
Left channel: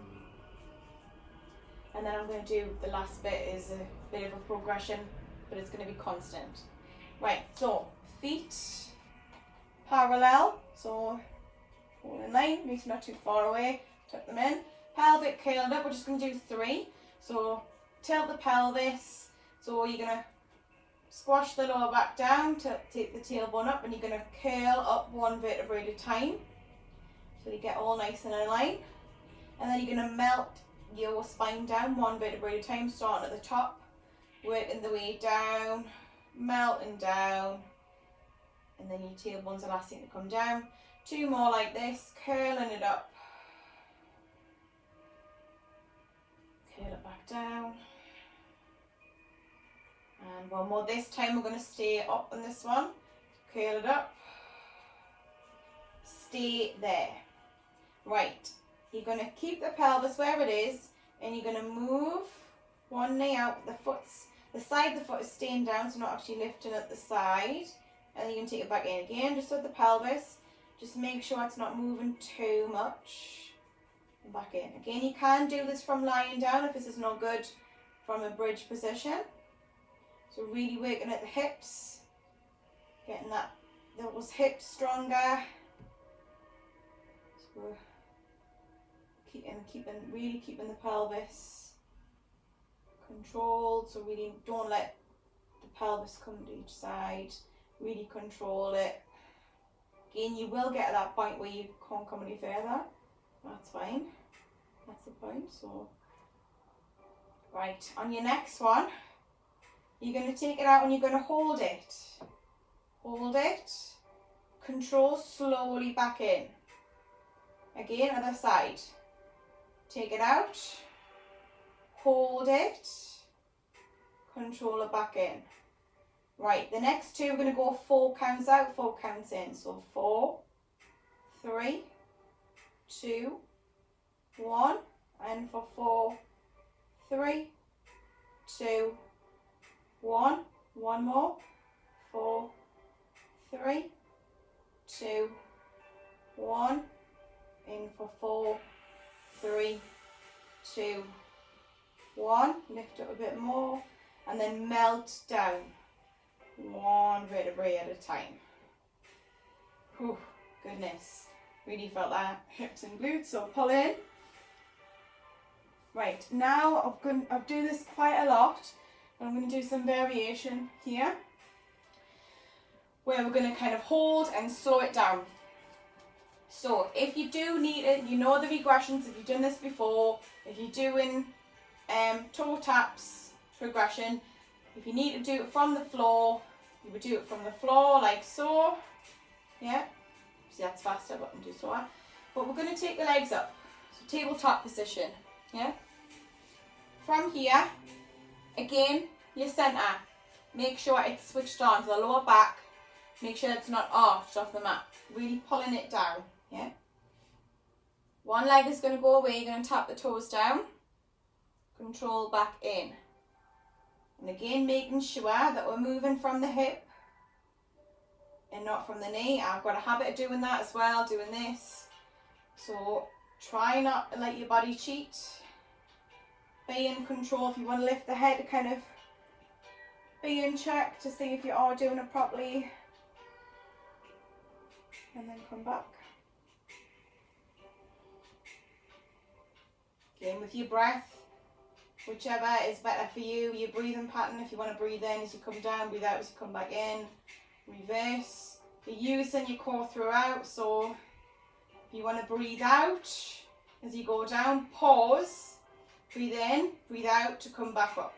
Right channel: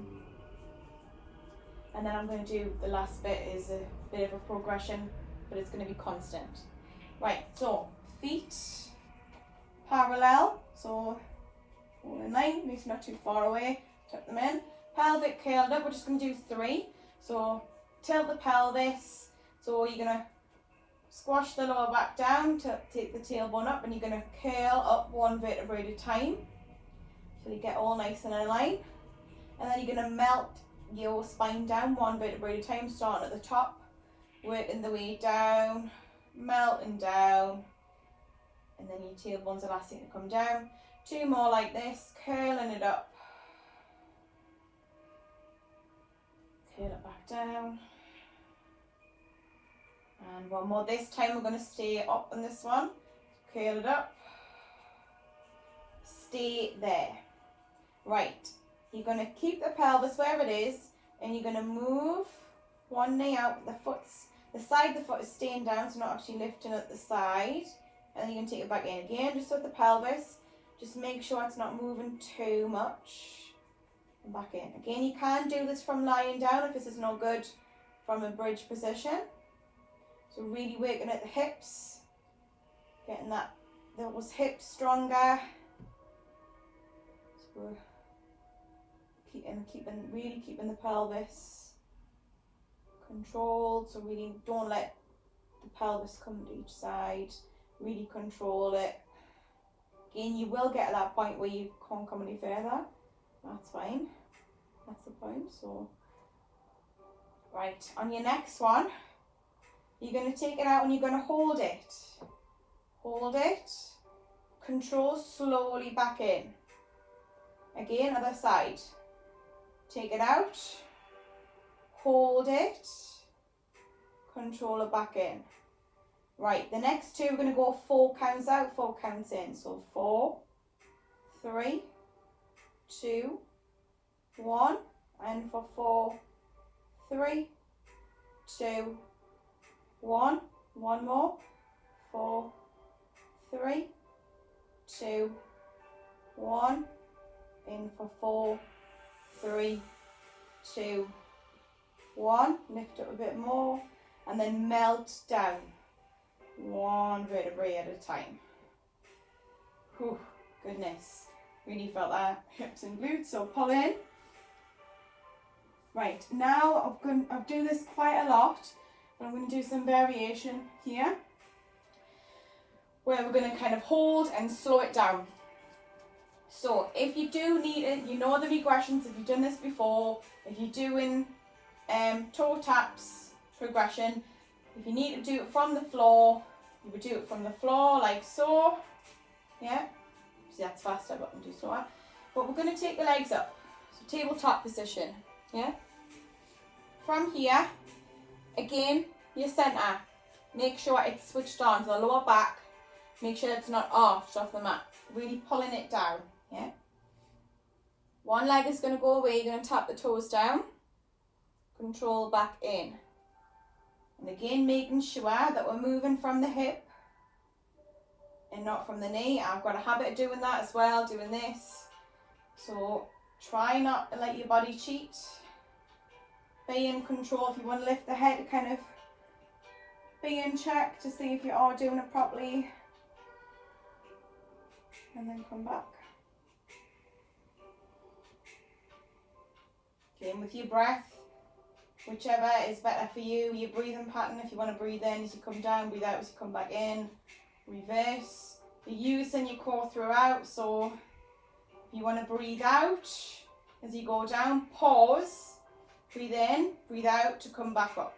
then I'm going to do the last bit is a bit of a progression, but it's going to be constant. Right, so feet parallel, so all in line, makes not too far away, tuck them in. Pelvic curled up, we're just going to do 3. So tilt the pelvis, so you're going to squash the lower back down to take the tailbone up, and you're going to curl up 1 vertebrae at a time. So you get all nice and in line. And then you're going to melt your spine down 1 vertebrae at a time, starting at the top, working the way down, melting down, and then your tailbone's the last thing to come down. 2 more like this, curling it up, curl it back down. And 1 more. This time we're going to stay up on this one. Curl it up. Stay there. Right. You're going to keep the pelvis where it is, and you're going to move one knee out. The side of the foot is staying down, so not actually lifting at the side. And then you can take it back in again, just with the pelvis. Just make sure it's not moving too much. And back in. Again, you can do this from lying down if this is not good from a bridge position. So really working at the hips, getting those hips stronger. So we're really keeping the pelvis controlled. So really don't let the pelvis come to each side. Really control it. Again, you will get at that point where you can't come any further. That's fine. That's the point. So right, on your next one, you're going to take it out and you're going to hold it. Hold it. Control slowly back in. Again, other side. Take it out. Hold it. Control it back in. Right, the next 2 we're going to go 4 counts out, 4 counts in. So 4, 3, 2, 1. And for 4, 3, 2, 1. 1 more. 4, 3, 2, 1. In for 4, 3, 2, 1. Lift up a bit more. And then melt down. 1 vertebrae at a time. Whew, goodness. Really felt that. Hips and glutes. So pull in. Right, now I've done this quite a lot. I'm going to do some variation here, where we're going to kind of hold and slow it down. So if you do need it, you know the regressions, if you've done this before, if you're doing toe taps progression, if you need to do it from the floor, you would do it from the floor like so. Yeah, see that's faster, but I can do so. But we're going to take the legs up, so tabletop position. Yeah, from here, again, your centre, make sure it's switched on to the lower back, make sure it's not arched off the mat, really pulling it down. Yeah, one leg is going to go away, you're going to tap the toes down, control back in. And again, making sure that we're moving from the hip and not from the knee. I've got a habit of doing that as well, doing this. So try not to let your body cheat. Be in control. If you want to lift the head, kind of be in check to see if you are doing it properly. And then come back. Again, with your breath, whichever is better for you, your breathing pattern. If you want to breathe in as you come down, breathe out as you come back in. Reverse. You're using your core throughout, so if you want to breathe out as you go down, pause, breathe in, breathe out to come back up.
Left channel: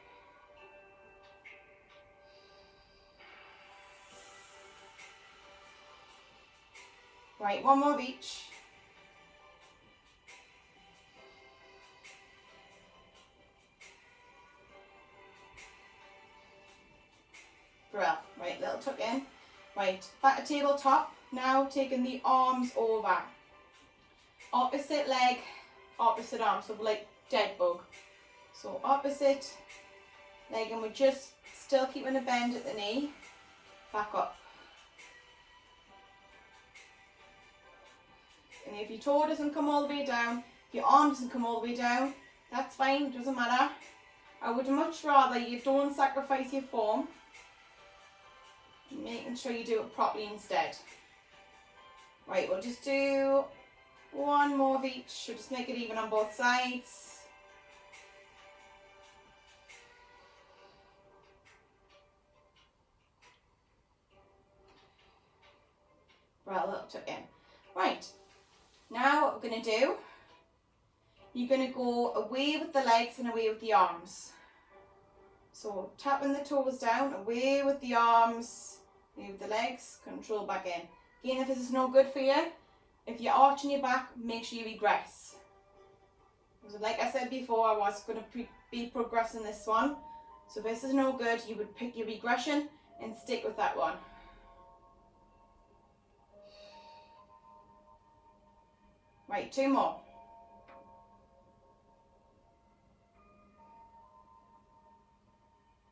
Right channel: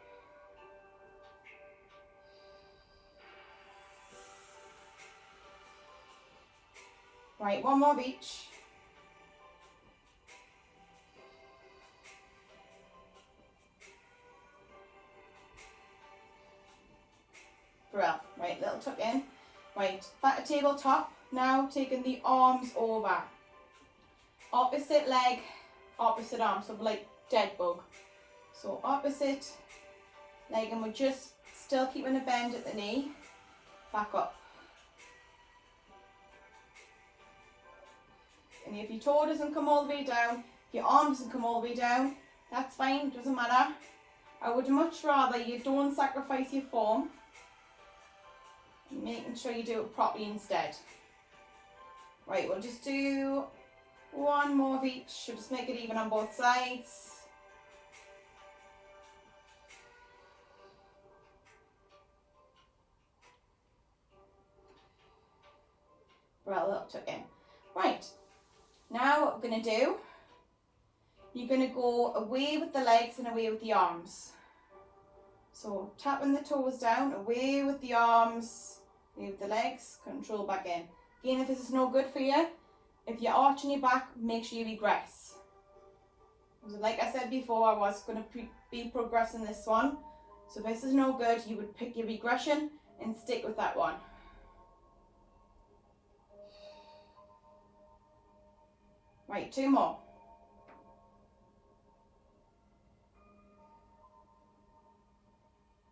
Right, one more of each. Right, little tuck in. Right, back to tabletop. Now taking the arms over. Opposite leg, opposite arm. So like dead bug. So opposite leg, and we're just still keeping a bend at the knee. Back up. And if your toe doesn't come all the way down, if your arm doesn't come all the way down, that's fine, doesn't matter. I would much rather you don't sacrifice your form, making sure you do it properly instead. Right, we'll just do one more of each. We'll just make it even on both sides. Right, a little tuck in. Right, now what we're going to do, you're going to go away with the legs and away with the arms. So tapping the toes down, away with the arms, away with the legs, control back in. Again, if this is no good for you, if you're arching your back, make sure you regress. So like I said before, I was going to be progressing this one. So if this is no good, you would pick your regression and stick with that one. Right, two more.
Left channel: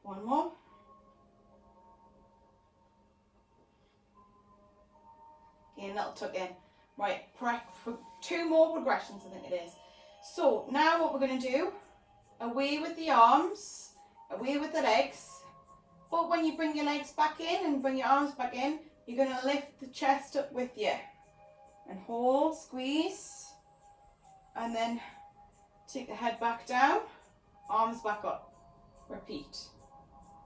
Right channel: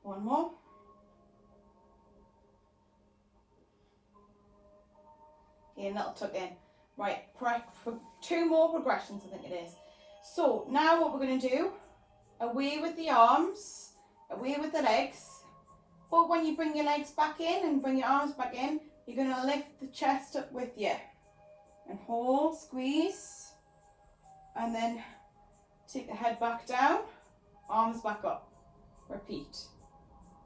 One more. Again, little tuck in. Right, two more progressions, I think it is. So now what we're going to do, away with the arms, away with the legs. But when you bring your legs back in and bring your arms back in, you're going to lift the chest up with you. And hold, squeeze. And then take the head back down, arms back up. Repeat.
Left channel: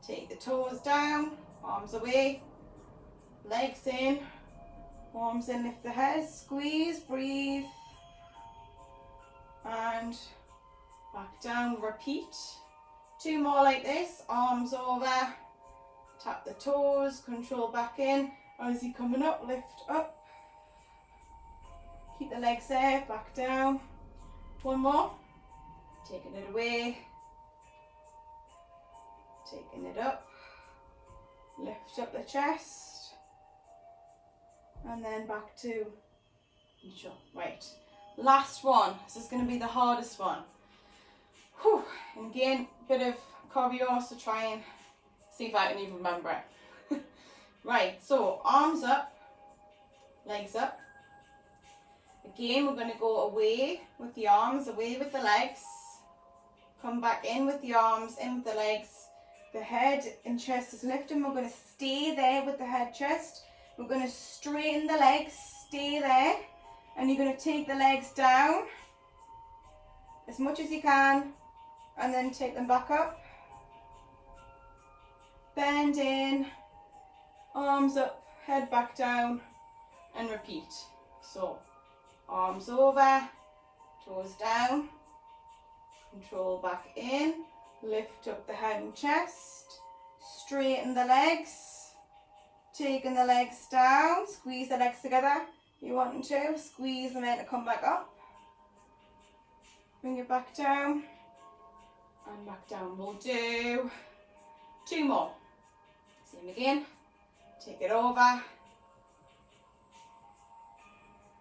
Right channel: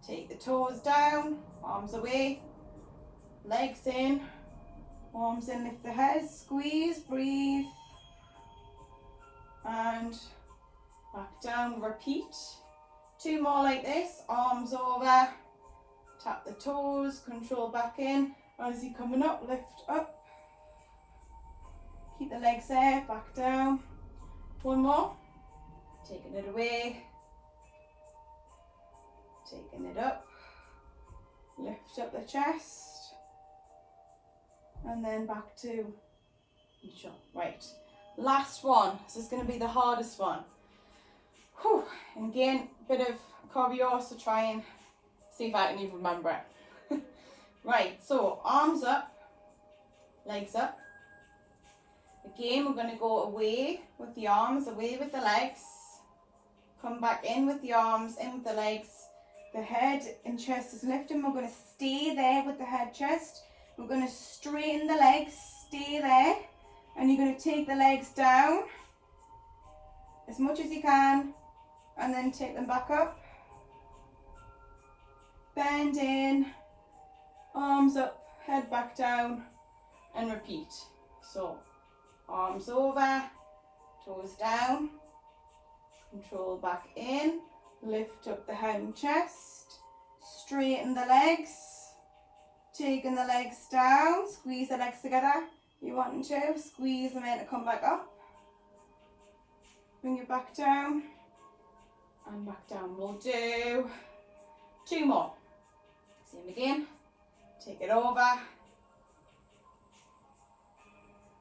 Take the toes down, arms away, legs in, arms in, lift the head, squeeze, breathe, and back down, repeat. Two more like this, arms over, tap the toes, control back in, as you're coming up, lift up, keep the legs there, back down. One more, taking it away, taking it up, lift up the chest, and then back to each one. Right, last one. This is going to be the hardest one. Whew. And again, a bit of choreo, so try and see if I can even remember it. Right, so arms up, legs up. Again, we're going to go away with the arms, away with the legs. Come back in with the arms, in with the legs. The head and chest is lifting. We're going to stay there with the head, chest. We're going to straighten the legs, stay there. And you're going to take the legs down as much as you can. And then take them back up. Bend in, arms up, head back down, and repeat. So, arms over, toes down, control back in, lift up the head and chest, straighten the legs, taking the legs down, squeeze the legs together, you want to, squeeze them in to come back up, bring it back down, and back down. We'll do two more, same again, take it over,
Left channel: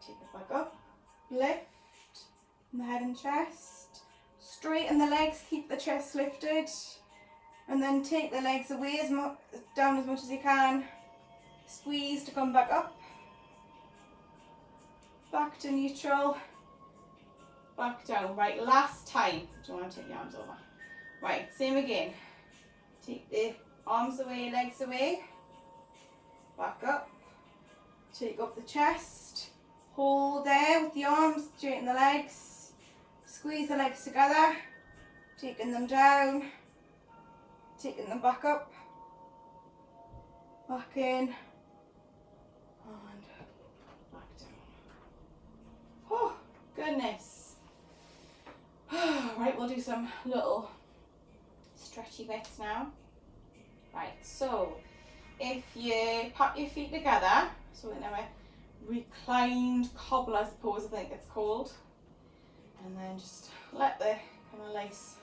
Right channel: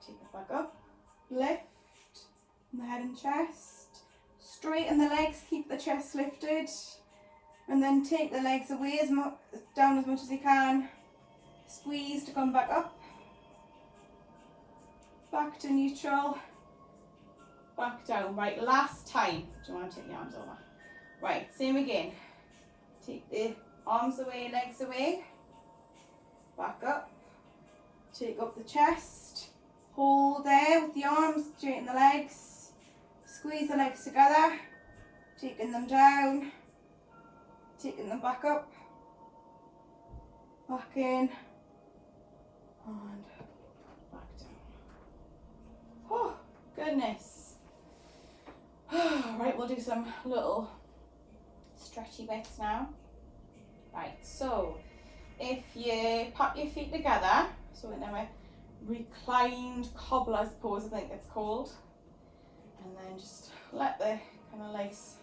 take it back up, lift the head and chest, Straighten the legs, keep the chest lifted, and then take the legs away down as much as you can. Squeeze to come back up. Back to neutral. Back down. Right, last time. Do you want to take the arms over? Right, same again. Take the arms away, legs away. Back up. Take up the chest. Hold there with the arms, straighten the legs. Squeeze the legs together. Taking them down. Taking them back up. Back in. And back down. Oh, goodness. Right, we'll do some little stretchy bits now. Right, so if you pop your feet together, so in a reclined cobbler's pose, I think it's called, and then just let the kind of legs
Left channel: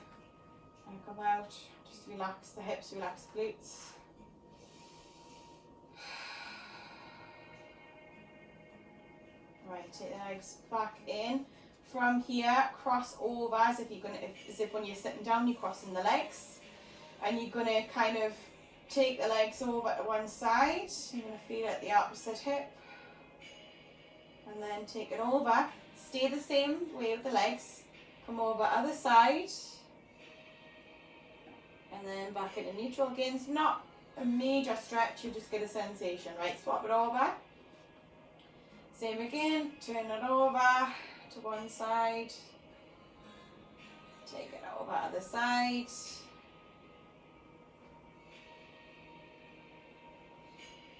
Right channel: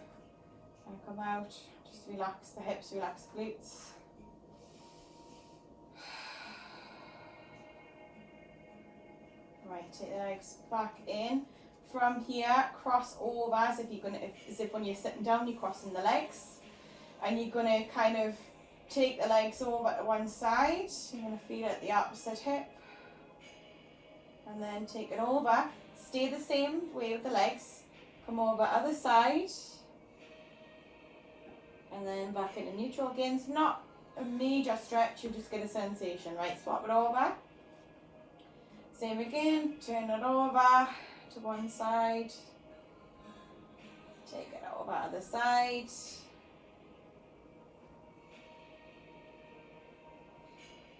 kind of come out, just relax the hips, relax the glutes. Right, take the legs back in. From here, cross over as if when you're sitting down, you're crossing the legs, and you're gonna kind of take the legs over to one side. You're gonna feel it at the opposite hip, and then take it over. Stay the same way with the legs. Come over other side, and then back into neutral again. It's not a major stretch, you just get a sensation. Right, swap it over. Same again, turn it over to one side, take it over other side,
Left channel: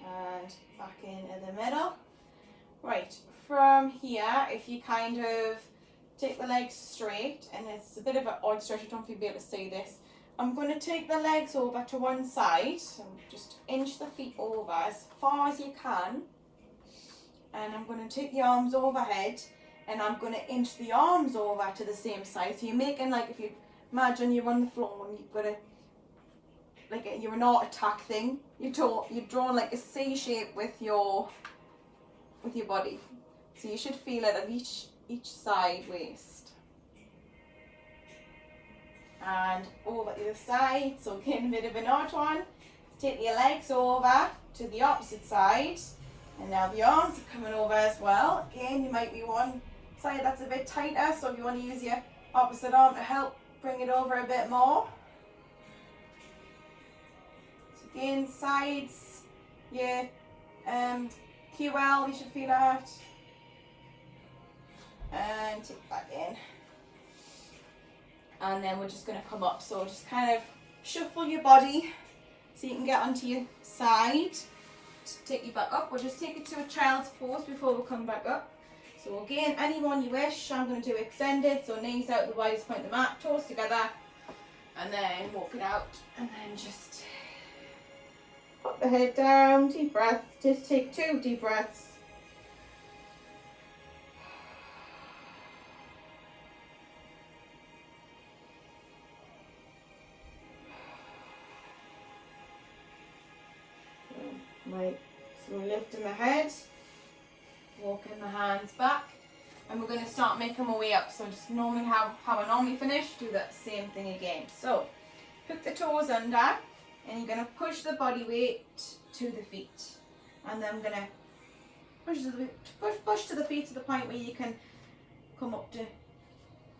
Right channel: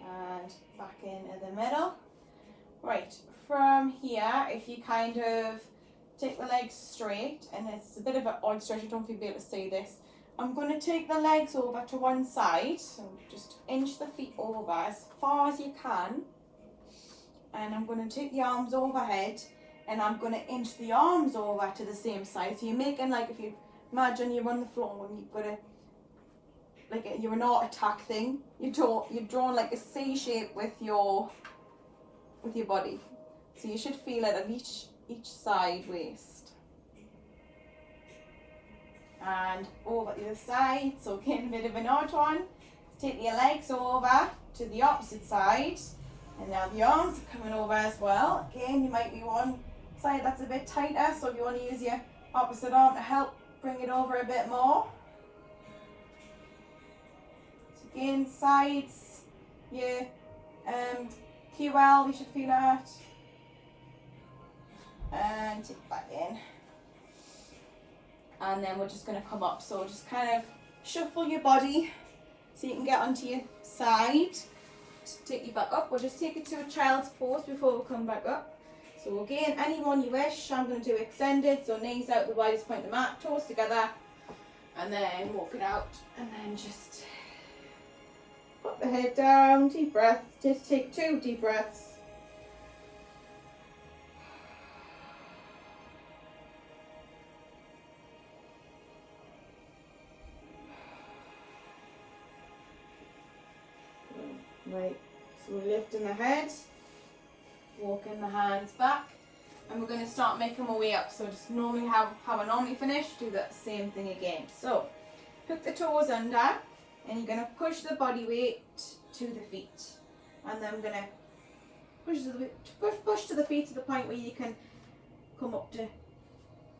and back into the middle. Right, from here, if you kind of take the legs straight, and it's a bit of an odd stretch, I don't know if you'll be able to see this. I'm going to take the legs over to one side, so just inch the feet over as far as you can, and I'm going to take the arms overhead, and I'm going to inch the arms over to the same side. So you're making, like, if you imagine you're on the floor and you've got a, like you're an art attack thing, you're drawing like a C shape with your body. So you should feel it at each side waist. And over the other side, so again, a bit of an odd one. Take your legs over to the opposite side, and now the arms are coming over as well. Again, you might be one side that's a bit tighter, so if you want to use your opposite arm to help bring it over a bit more. So again, sides, your QL, you should feel that. And take it back in. And then we're just going to come up, so just kind of shuffle your body so you can get onto your side. To take you back up, we'll just take it to a child's pose before we come back up. So again, anyone you wish, I'm going to do extended, so knees out the widest point of the mat, toes together, and then walk it out, and then just put the head down, deep breath, just take 2 deep breaths. Right, so we're lifting the head, walking the hands back, and we're going to start making our way up. So just normally how I normally finish, do that same thing again. So hook the toes under, and you're going to push the body weight to the feet, and then I'm going to push to the feet to the point where you can come up to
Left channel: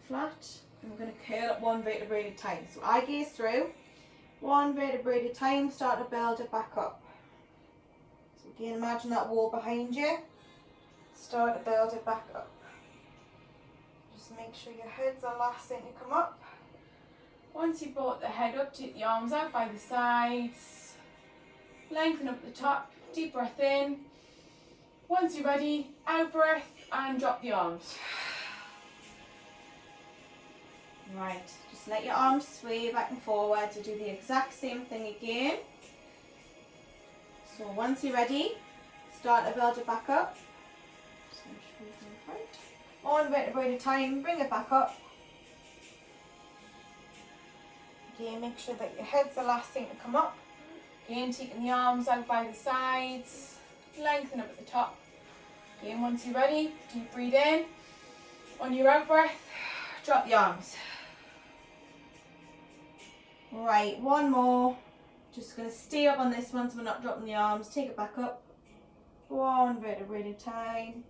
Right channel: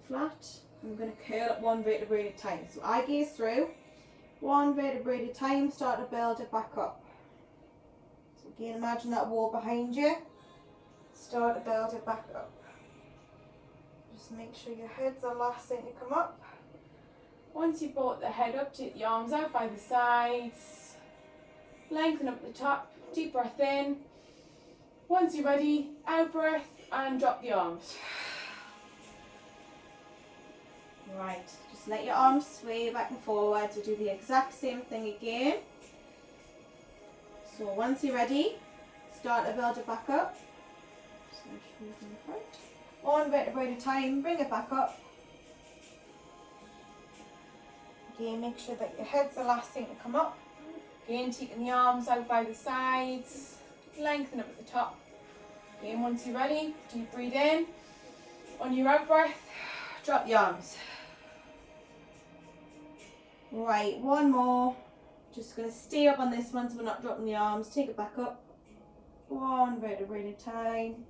flat, and we're going to curl up 1 vertebra at a time. So I gaze through 1 vertebra at a time, start to build it back up. Again, imagine that wall behind you. Start to build it back up. Just make sure your head's the last thing to come up. Once you've brought the head up, take the arms out by the sides. Lengthen up the top. Deep breath in. Once you're ready, out breath and drop the arms. Right, just let your arms sway back and forward to do the exact same thing again. So once you're ready, start to build it back up. Just make sure you're in the front. 1 vertebra at a time, bring it back up. Again, make sure that your head's the last thing to come up. Again, taking the arms out by the sides, lengthen up at the top. Again, once you're ready, deep breathe in. On your out breath, drop the arms. Right, one more. Just going to stay up on this one so we're not dropping the arms. Take it back up. One vertebrae at a time.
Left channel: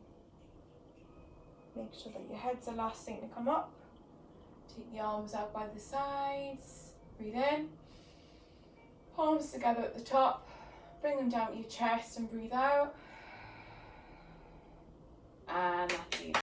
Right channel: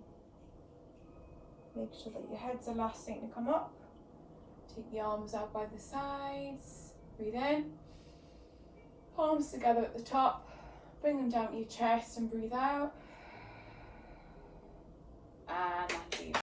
Make sure that your head's the last thing to come up. Take the arms out by the sides. Breathe in. Palms together at the top. Bring them down to your chest and breathe out. And that's it.